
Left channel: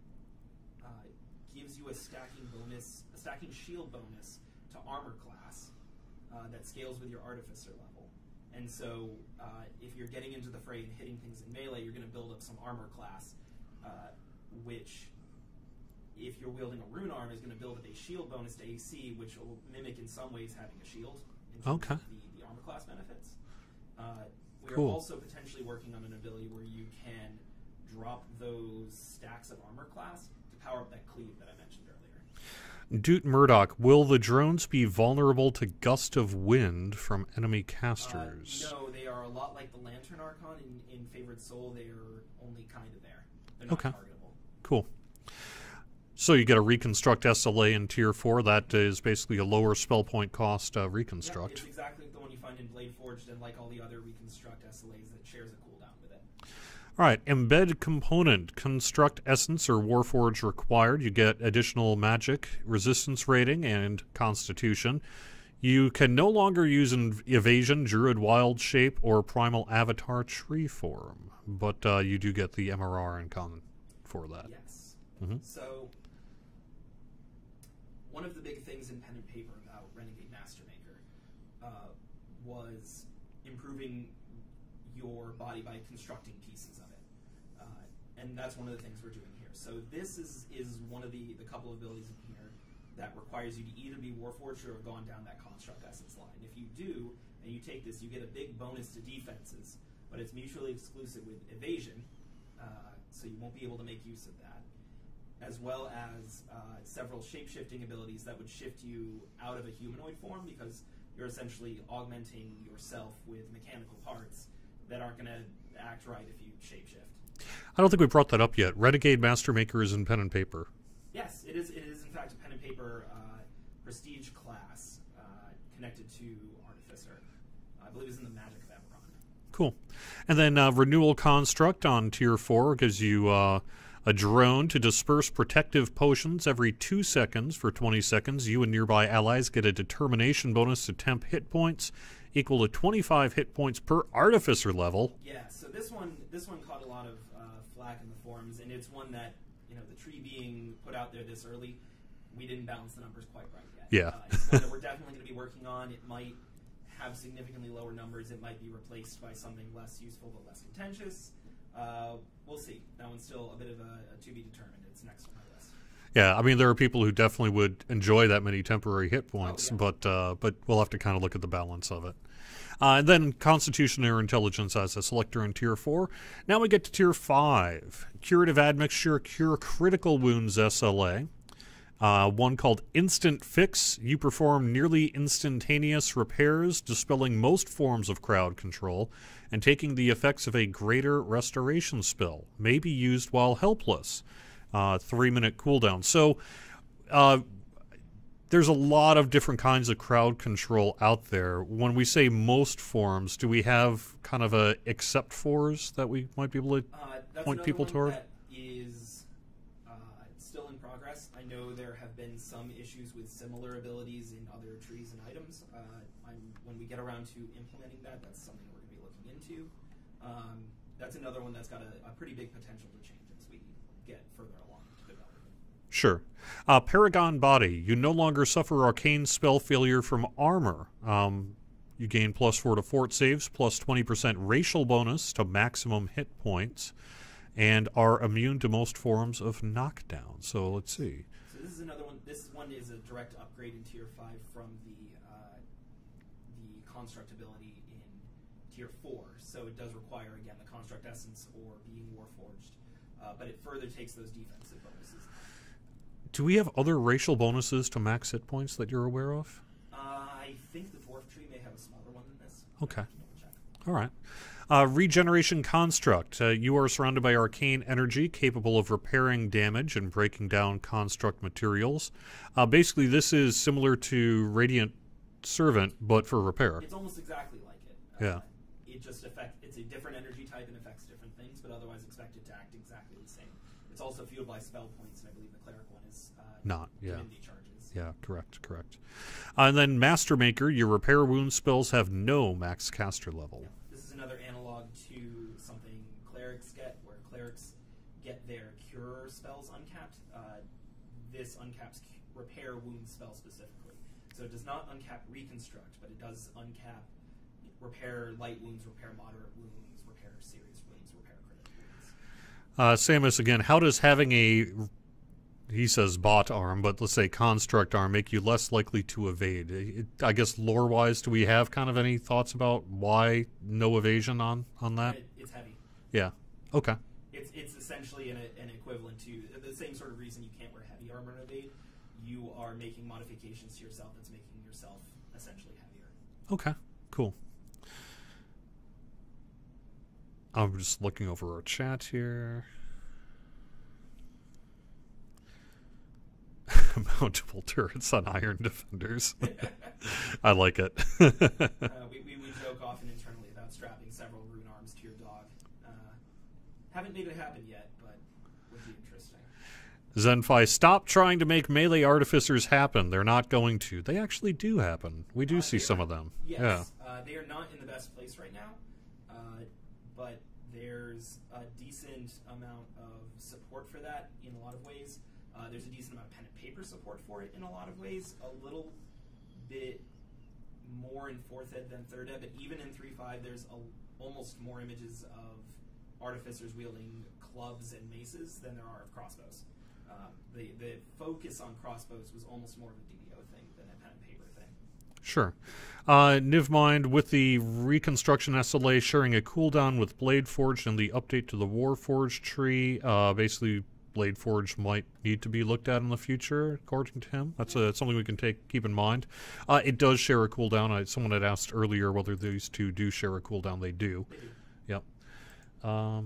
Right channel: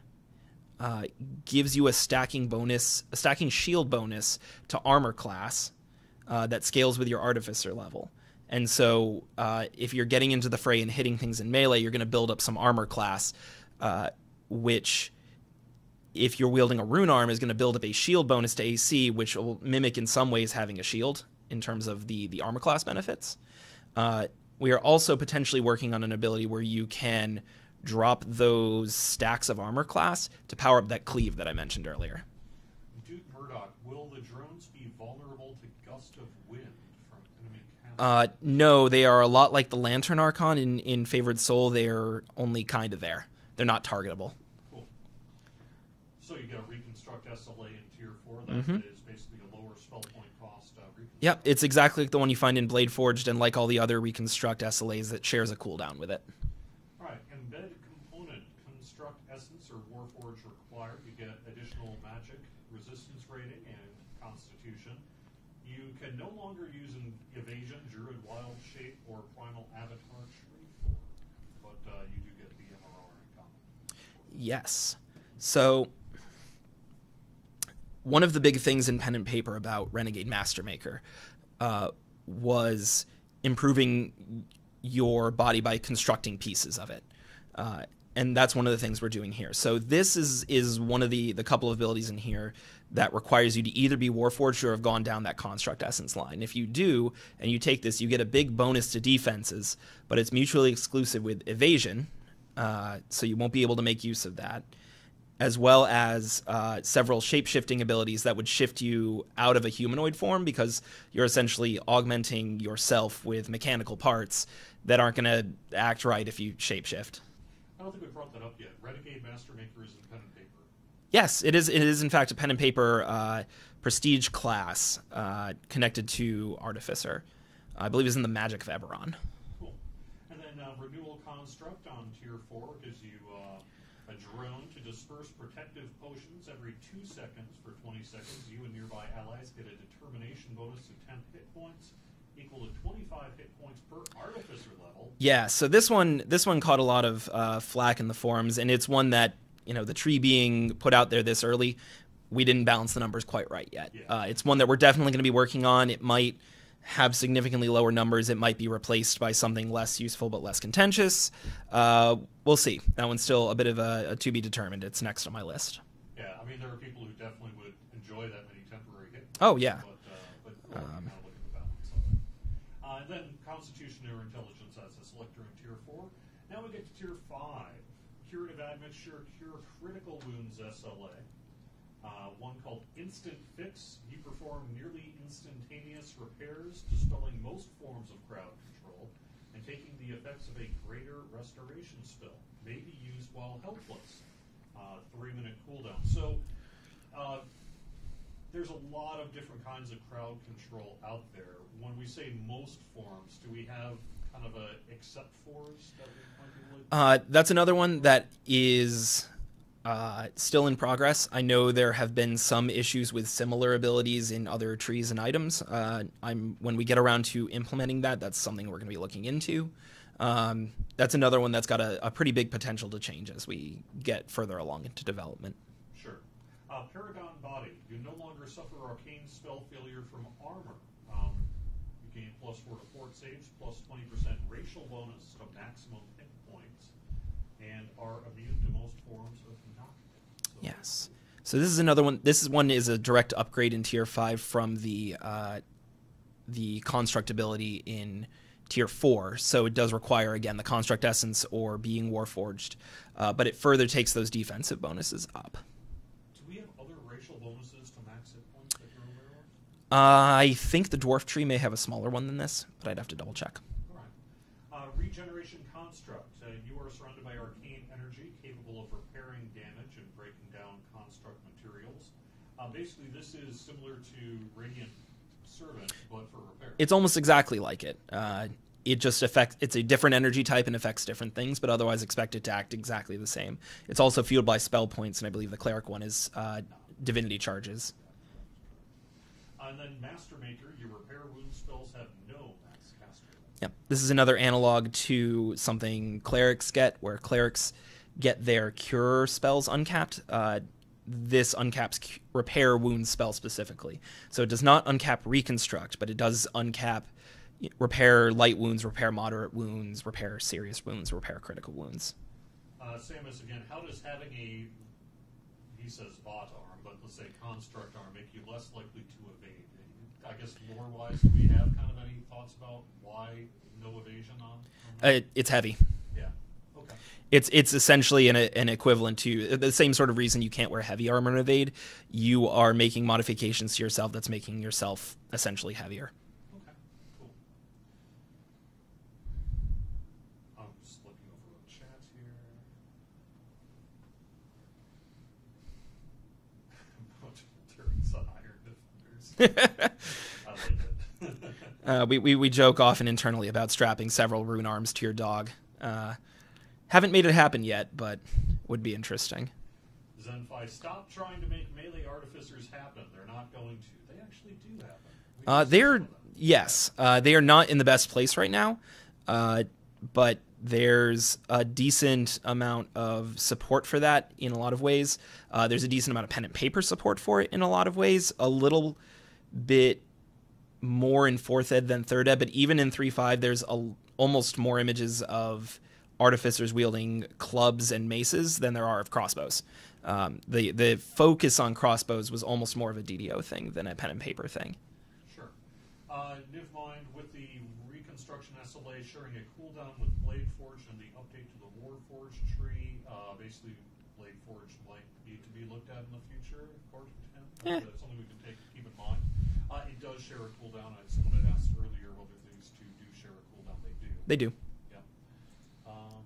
gives you a stacking shield bonus to armor class that scales with your artificer level. And so if you're getting into the fray and hitting things in melee, you're going to build up some armor class, which, if you're wielding a rune arm, is going to build up a shield bonus to AC, which will mimic in some ways having a shield in terms of the armor class benefits. We are also potentially working on an ability where you can drop those stacks of armor class to power up that cleave that I mentioned earlier. Doot Murdoch, will the drones be vulnerable to gust of wind from enemy casters? No, they are a lot like the Lantern Archon in Favored Soul. They're only kind of there. They're not targetable. Cool. So you get a Reconstruct SLA in Tier 4. That is basically a lower spell point cost Reconstruct. Yeah, it's exactly like the one you find in Blade Forged, and like all the other Reconstruct SLAs, that shares a cooldown with it. All right, Embed Component. Construct Essence or Warforge required. You get additional magic, resistance rating, and Constitution. You can no longer use Evasion, Druid Wild Shape, or Primal Avatar Tree Form, but you do get the MRR and Con for that. Yes. So one of the big things in pen and paper about Renegade Mastermaker was improving your body by constructing pieces of it. And that's one of the things we're doing here. So this is one of the couple of abilities in here that requires you to either be Warforged or have gone down that Construct Essence line. If you do, and you take this, you get a big bonus to defenses, but it's mutually exclusive with Evasion, so you won't be able to make use of that. as well as several shape-shifting abilities that would shift you out of a humanoid form, because you're essentially augmenting yourself with mechanical parts that aren't going to act right if you shapeshift. I don't think we brought that up yet. Renegade Mastermaker is in pen and paper. Yes, it is. It is, in fact, a pen and paper prestige class connected to Artificer. I believe it's in the Magic of Eberron. Cool. And then Renewal Construct on Tier 4 gives you a drone to disperse protective potions every 2 seconds for 20 seconds. You and nearby allies get a determination bonus to temp hit points equal to 25 hit points per Artificer level. Yeah, so this one caught a lot of flack in the forums, and it's one that, the tree being put out there this early, we didn't balance the numbers quite right yet. Yeah. It's one that we're definitely going to be working on. It might have significantly lower numbers. It might be replaced by something less useful but less contentious. We'll see. That one's still a bit of a to be determined. It's next on my list. Yeah, I mean, there are people who definitely would enjoy that many temporary hit points. Oh, yeah. But we'll have to kind of look at the balance of it. And then Constitution or Intelligence as a selector in Tier 4. Now we get to Tier 5. Curative Admixture, Cure Critical Wounds SLA. One called Instant Fix. You perform nearly instantaneous repairs, dispelling most forms of crowd control, and taking the effects of a greater restoration spell. May be used while helpless. 3-minute cooldown. So there's a lot of different kinds of crowd control out there. When we say most forms, do we have kind of a except fors that we might be able to... That's another one toward? That is still in progress. I know there have been some issues with similar abilities in other trees and items. When we get around to implementing that, that's something we're going to be looking into. That's another one that's got a pretty big potential to change as we get further along into development. Sure. Paragon Body. You no longer suffer arcane spell failure from armor. You gain +4 to fort saves, plus 20% racial bonus to maximum hit points, and are immune to most forms of knockdown. So yes. Let's see. So this is another one. This one is a direct upgrade in Tier 5 from the construct ability in Tier 4. So it does require, again, the construct essence or being warforged, but it further takes those defensive bonuses up. Do we have other racial bonuses to max hit points that you're aware of? I think the dwarf tree may have a smaller one than this, but okay. I'd have to double check. All right. Regeneration Construct. You are surrounded by arcane energy capable of repairing damage and breaking down construct materials. Basically, this is similar to Radiant Servant, but for repair. It's almost exactly like it. Yeah. It just affects, it's a different energy type and affects different things, but otherwise expect it to act exactly the same. It's also fueled by spell points, and I believe the cleric one is divinity charges. Yeah, correct. And then Mastermaker, your repair wound spells have no max caster level. Yep. This is another analog to something clerics get, where clerics get their cure spells uncapped. This uncaps repair wound spell specifically. So it does not uncap reconstruct, but it does uncap repair light wounds, repair moderate wounds, repair serious wounds, repair critical wounds. Samus, again, how does having a, he says bot arm, but let's say construct arm, make you less likely to evade? I guess lore-wise, do we have kind of any thoughts about why no evasion on that? It's heavy. Yeah. Okay. It's essentially an equivalent to the same sort of reason you can't wear heavy armor and evade. You are making modifications to yourself that's making yourself essentially heavier. Okay. Cool. I'm just looking over our chat here. Mountable turrets on Iron Defenders. I like it. We joke often internally about strapping several rune arms to your dog. Haven't made it happen yet, but would be interesting. Zenfi, stop trying to make melee artificers happen. They're not going to. They actually do happen. We do see some of them. Yes. Yeah. They are not in the best place right now, but there's a decent amount of support for that in a lot of ways. There's a decent amount of pen and paper support for it in a lot of ways. A little bit more in 4th ed than 3rd ed, but even in 3.5, there's almost more images of artificers wielding clubs and maces than there are of crossbows. The focus on crossbows was almost more of a DDO thing than a pen and paper thing. Sure. Nivmind, with the Reconstruction SLA sharing a cooldown with Blade Forged and the update to the Warforged tree, basically Blade Forge might need to be looked at in the future, according to him. That's something we can keep in mind. It does share a cooldown. Someone had asked earlier whether these two do share a cooldown. They do. They do. Yep. I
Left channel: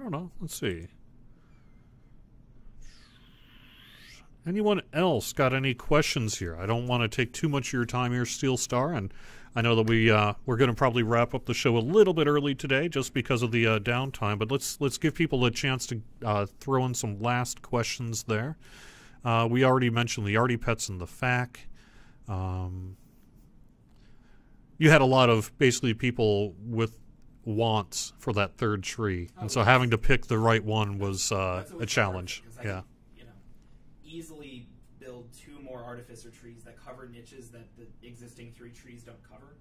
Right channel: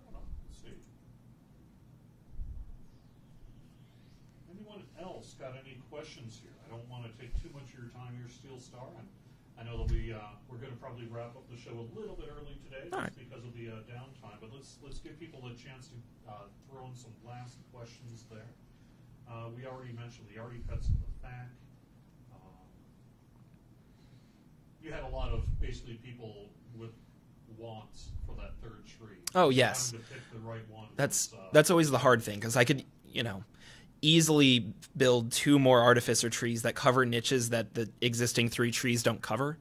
don't know. Let's see. Anyone else got any questions here? I don't want to take too much of your time here, Steel Star, and I know that we're going to probably wrap up the show a little bit early today, just because of the downtime. But let's give people a chance to throw in some last questions there. We already mentioned the Artie Pets and the FAQ. You had a lot of basically people with wants for that third tree. Oh, so having to pick the right one was that's always the hard thing, because I could easily build 2 more artificer trees that cover niches that the existing 3 trees don't cover.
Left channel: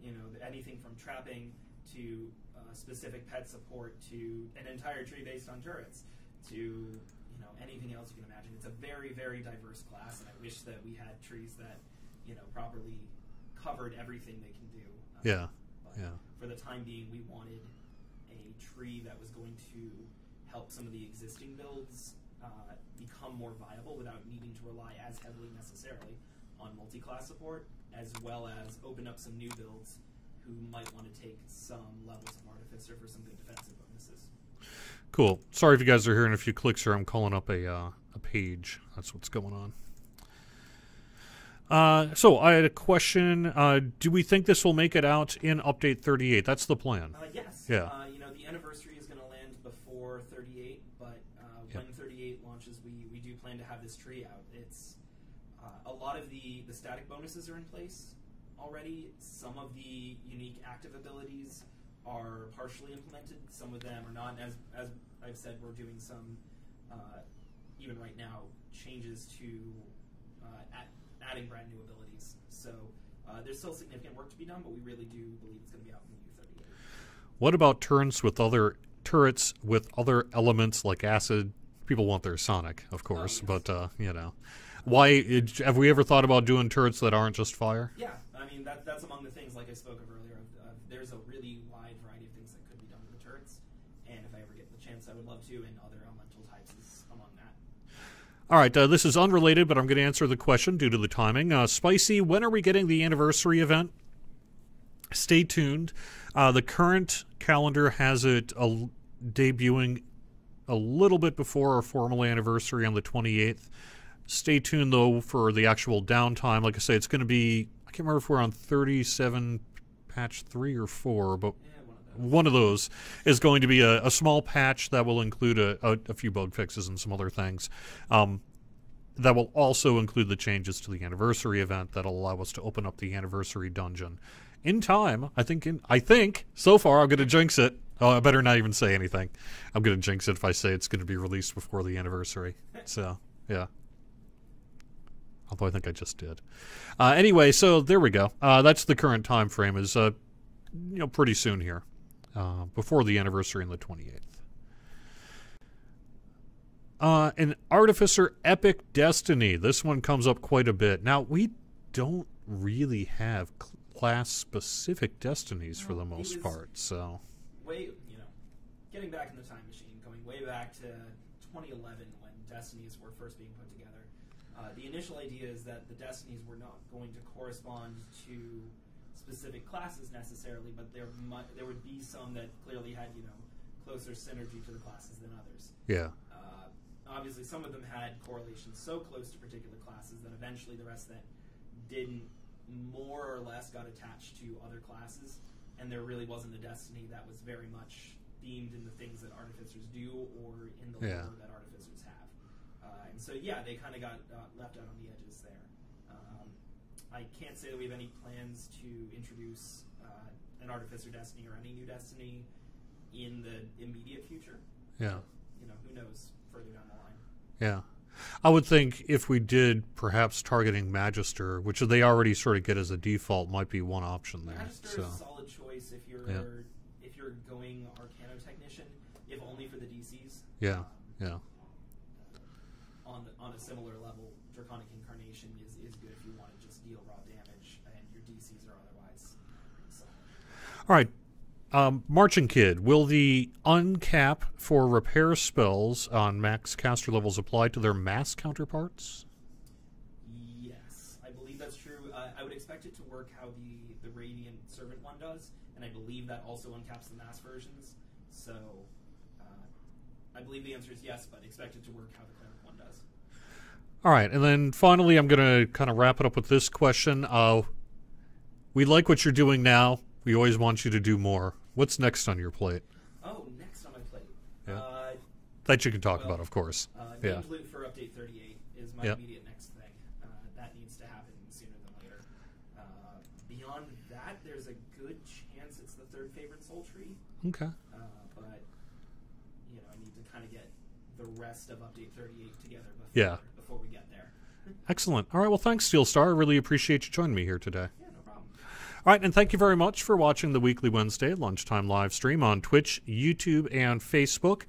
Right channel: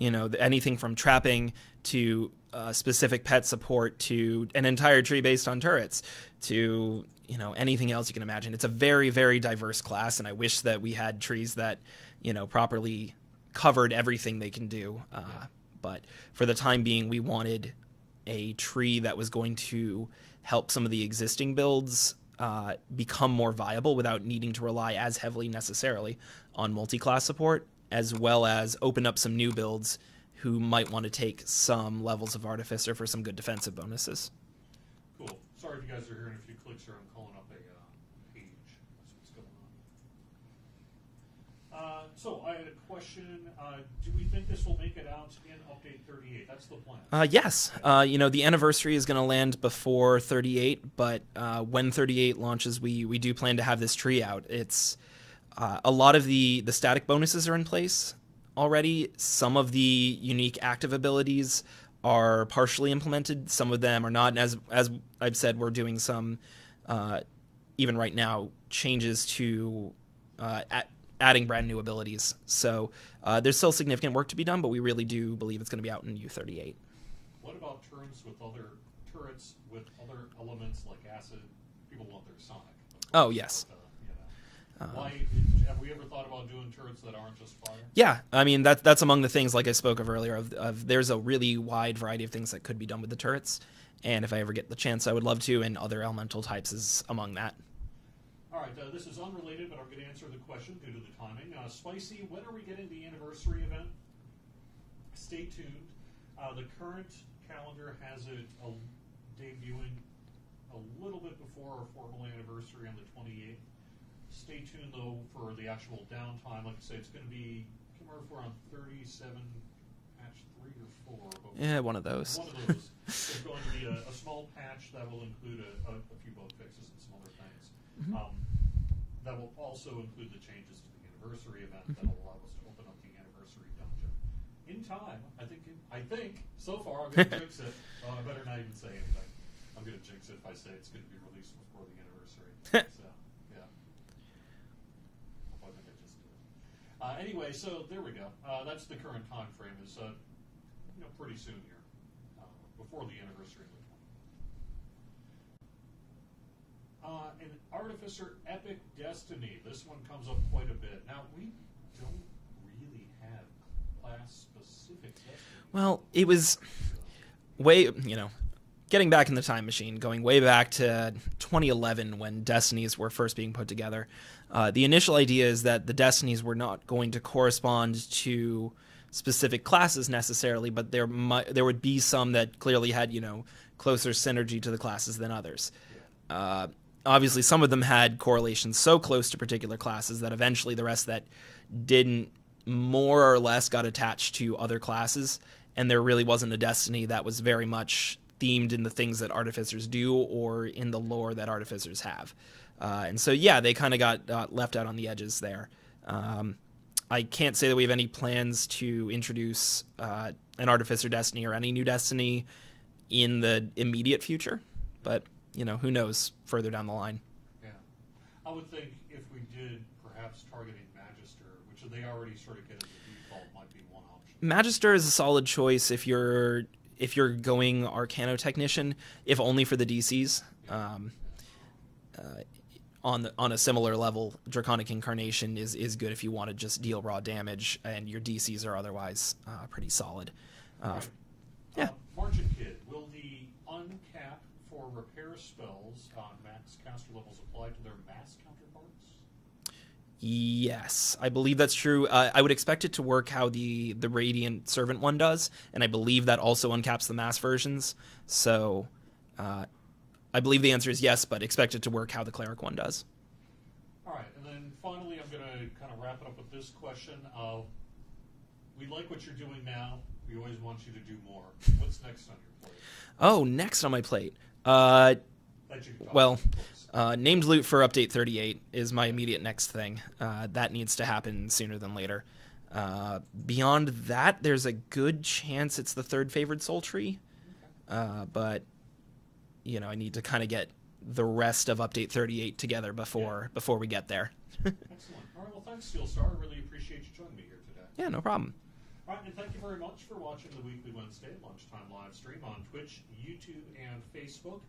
Anything from trapping to specific pet support to an entire tree based on turrets to anything else you can imagine. It's a very, very diverse class, and I wish that we had trees that properly covered everything they can do. But for the time being, we wanted a tree that was going to help some of the existing builds become more viable without needing to rely as heavily necessarily on multi-class support, as well as open up some new builds who might want to take some levels of Artificer for some good defensive bonuses. Cool. Sorry if you guys are hearing a few clicks here. I'm calling up a page. That's what's going on. So I had a question. Do we think this will make it out in update 38? That's the plan. Yes. Yeah. The anniversary is going to land before 38, but when 38 launches, we do plan to have this tree out. It's a lot of the static bonuses are in place already. Some of the unique active abilities are partially implemented. Some of them are not. And as I've said, we're doing some, even right now, changes to adding brand new abilities. So there's still significant work to be done, but we really do believe it's going to be out in U38. What about turrets with other elements like acid? People want their Sonic, of course. Oh, yes. But, why have we ever thought about doing turrets that aren't just fire? Yeah, I mean, that's among the things, like I spoke of earlier, of there's a really wide variety of things that could be done with the turrets. And if I ever get the chance, I would love to, and other elemental types is among that. All right, this is unrelated, but I'm going to answer the question due to the timing. Spicy, when are we getting the anniversary event? Stay tuned. The current calendar has it debuting a little bit before our formal anniversary on the 28th. Stay tuned, though, for the actual downtime. Like I say, it's going to be, I can't remember if we're on 37 patch 3 or 4, but yeah, one of those. One of those is going to be a small patch that will include a few bug fixes and some other things. That will also include the changes to the anniversary event that'll allow us to open up the anniversary dungeon in time. I think so far I'm going to jinx it. Oh, I better not even say anything. I'm going to jinx it if I say it's going to be released before the anniversary. So yeah. Although I think I just did. Anyway, so there we go. That's the current time frame, is pretty soon here, before the anniversary on the 28th. An Artificer Epic Destiny. This one comes up quite a bit. Now, we don't really have class-specific destinies for the most part. So getting back in the time machine, going way back to 2011 when destinies were first being put together. The initial idea is that the destinies were not going to correspond to specific classes necessarily, but there would be some that clearly had closer synergy to the classes than others. Yeah. Obviously, some of them had correlations so close to particular classes that eventually the rest that didn't more or less got attached to other classes, and there really wasn't a destiny that was very much themed in the things that artificers do or in the lore that artificers have. And so, they kind of got left out on the edges there. I can't say that we have any plans to introduce an Artificer Destiny or any new Destiny in the immediate future. Yeah. But, who knows further down the line. Yeah. I would think if we did, perhaps targeting Magister, which they already sort of get as a default, might be one option. Magister is a solid choice if you're going Arcano Technician, if only for the DCs. Yeah. On a similar level, Draconic Incarnation is good if you want to just deal raw damage and your DCs are otherwise pretty solid. All right. Marching Kid, will the uncap for repair spells on max caster levels apply to their mass counterparts? Yes, I believe that's true. I would expect it to work how the Radiant Servant one does, and I believe that also uncaps the mass versions. So I believe the answer is yes, but expect it to work how the Cleric one does. All right, and then finally I'm going to kind of wrap it up with this question. We like what you're doing now. We always want you to do more. What's next on your plate? Oh, next on my plate. That you can talk about, of course. Named loot for Update 38 is my immediate next thing. That needs to happen sooner than later. Beyond that, there's a good chance it's the third favored soul tree. Okay. But, you know, I need to kind of get the rest of Update 38 together before we get there. Excellent. All right, well, thanks, Steel Star. I really appreciate you joining me here today. Yeah, no problem. All right, and thank you very much for watching the weekly Wednesday Lunchtime live stream on Twitch, YouTube, and Facebook.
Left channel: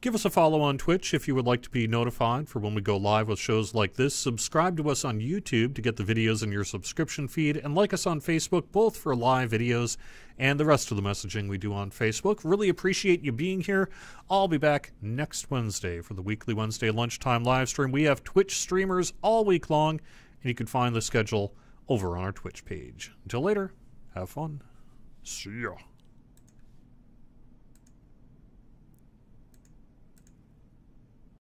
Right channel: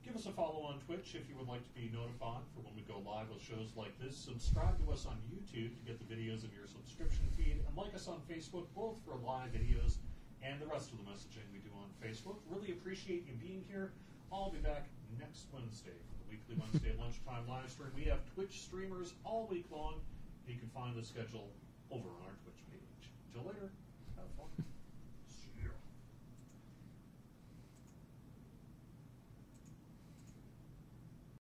Give us a follow on Twitch if you would like to be notified for when we go live with shows like this. Subscribe to us on YouTube to get the videos in your subscription feed, and like us on Facebook, both for live videos and the rest of the messaging we do on Facebook. Really appreciate you being here. I'll be back next Wednesday for the weekly Wednesday Lunchtime live stream. We have Twitch streamers all week long, and you can find the schedule over on our Twitch page. Until later, have fun. See ya.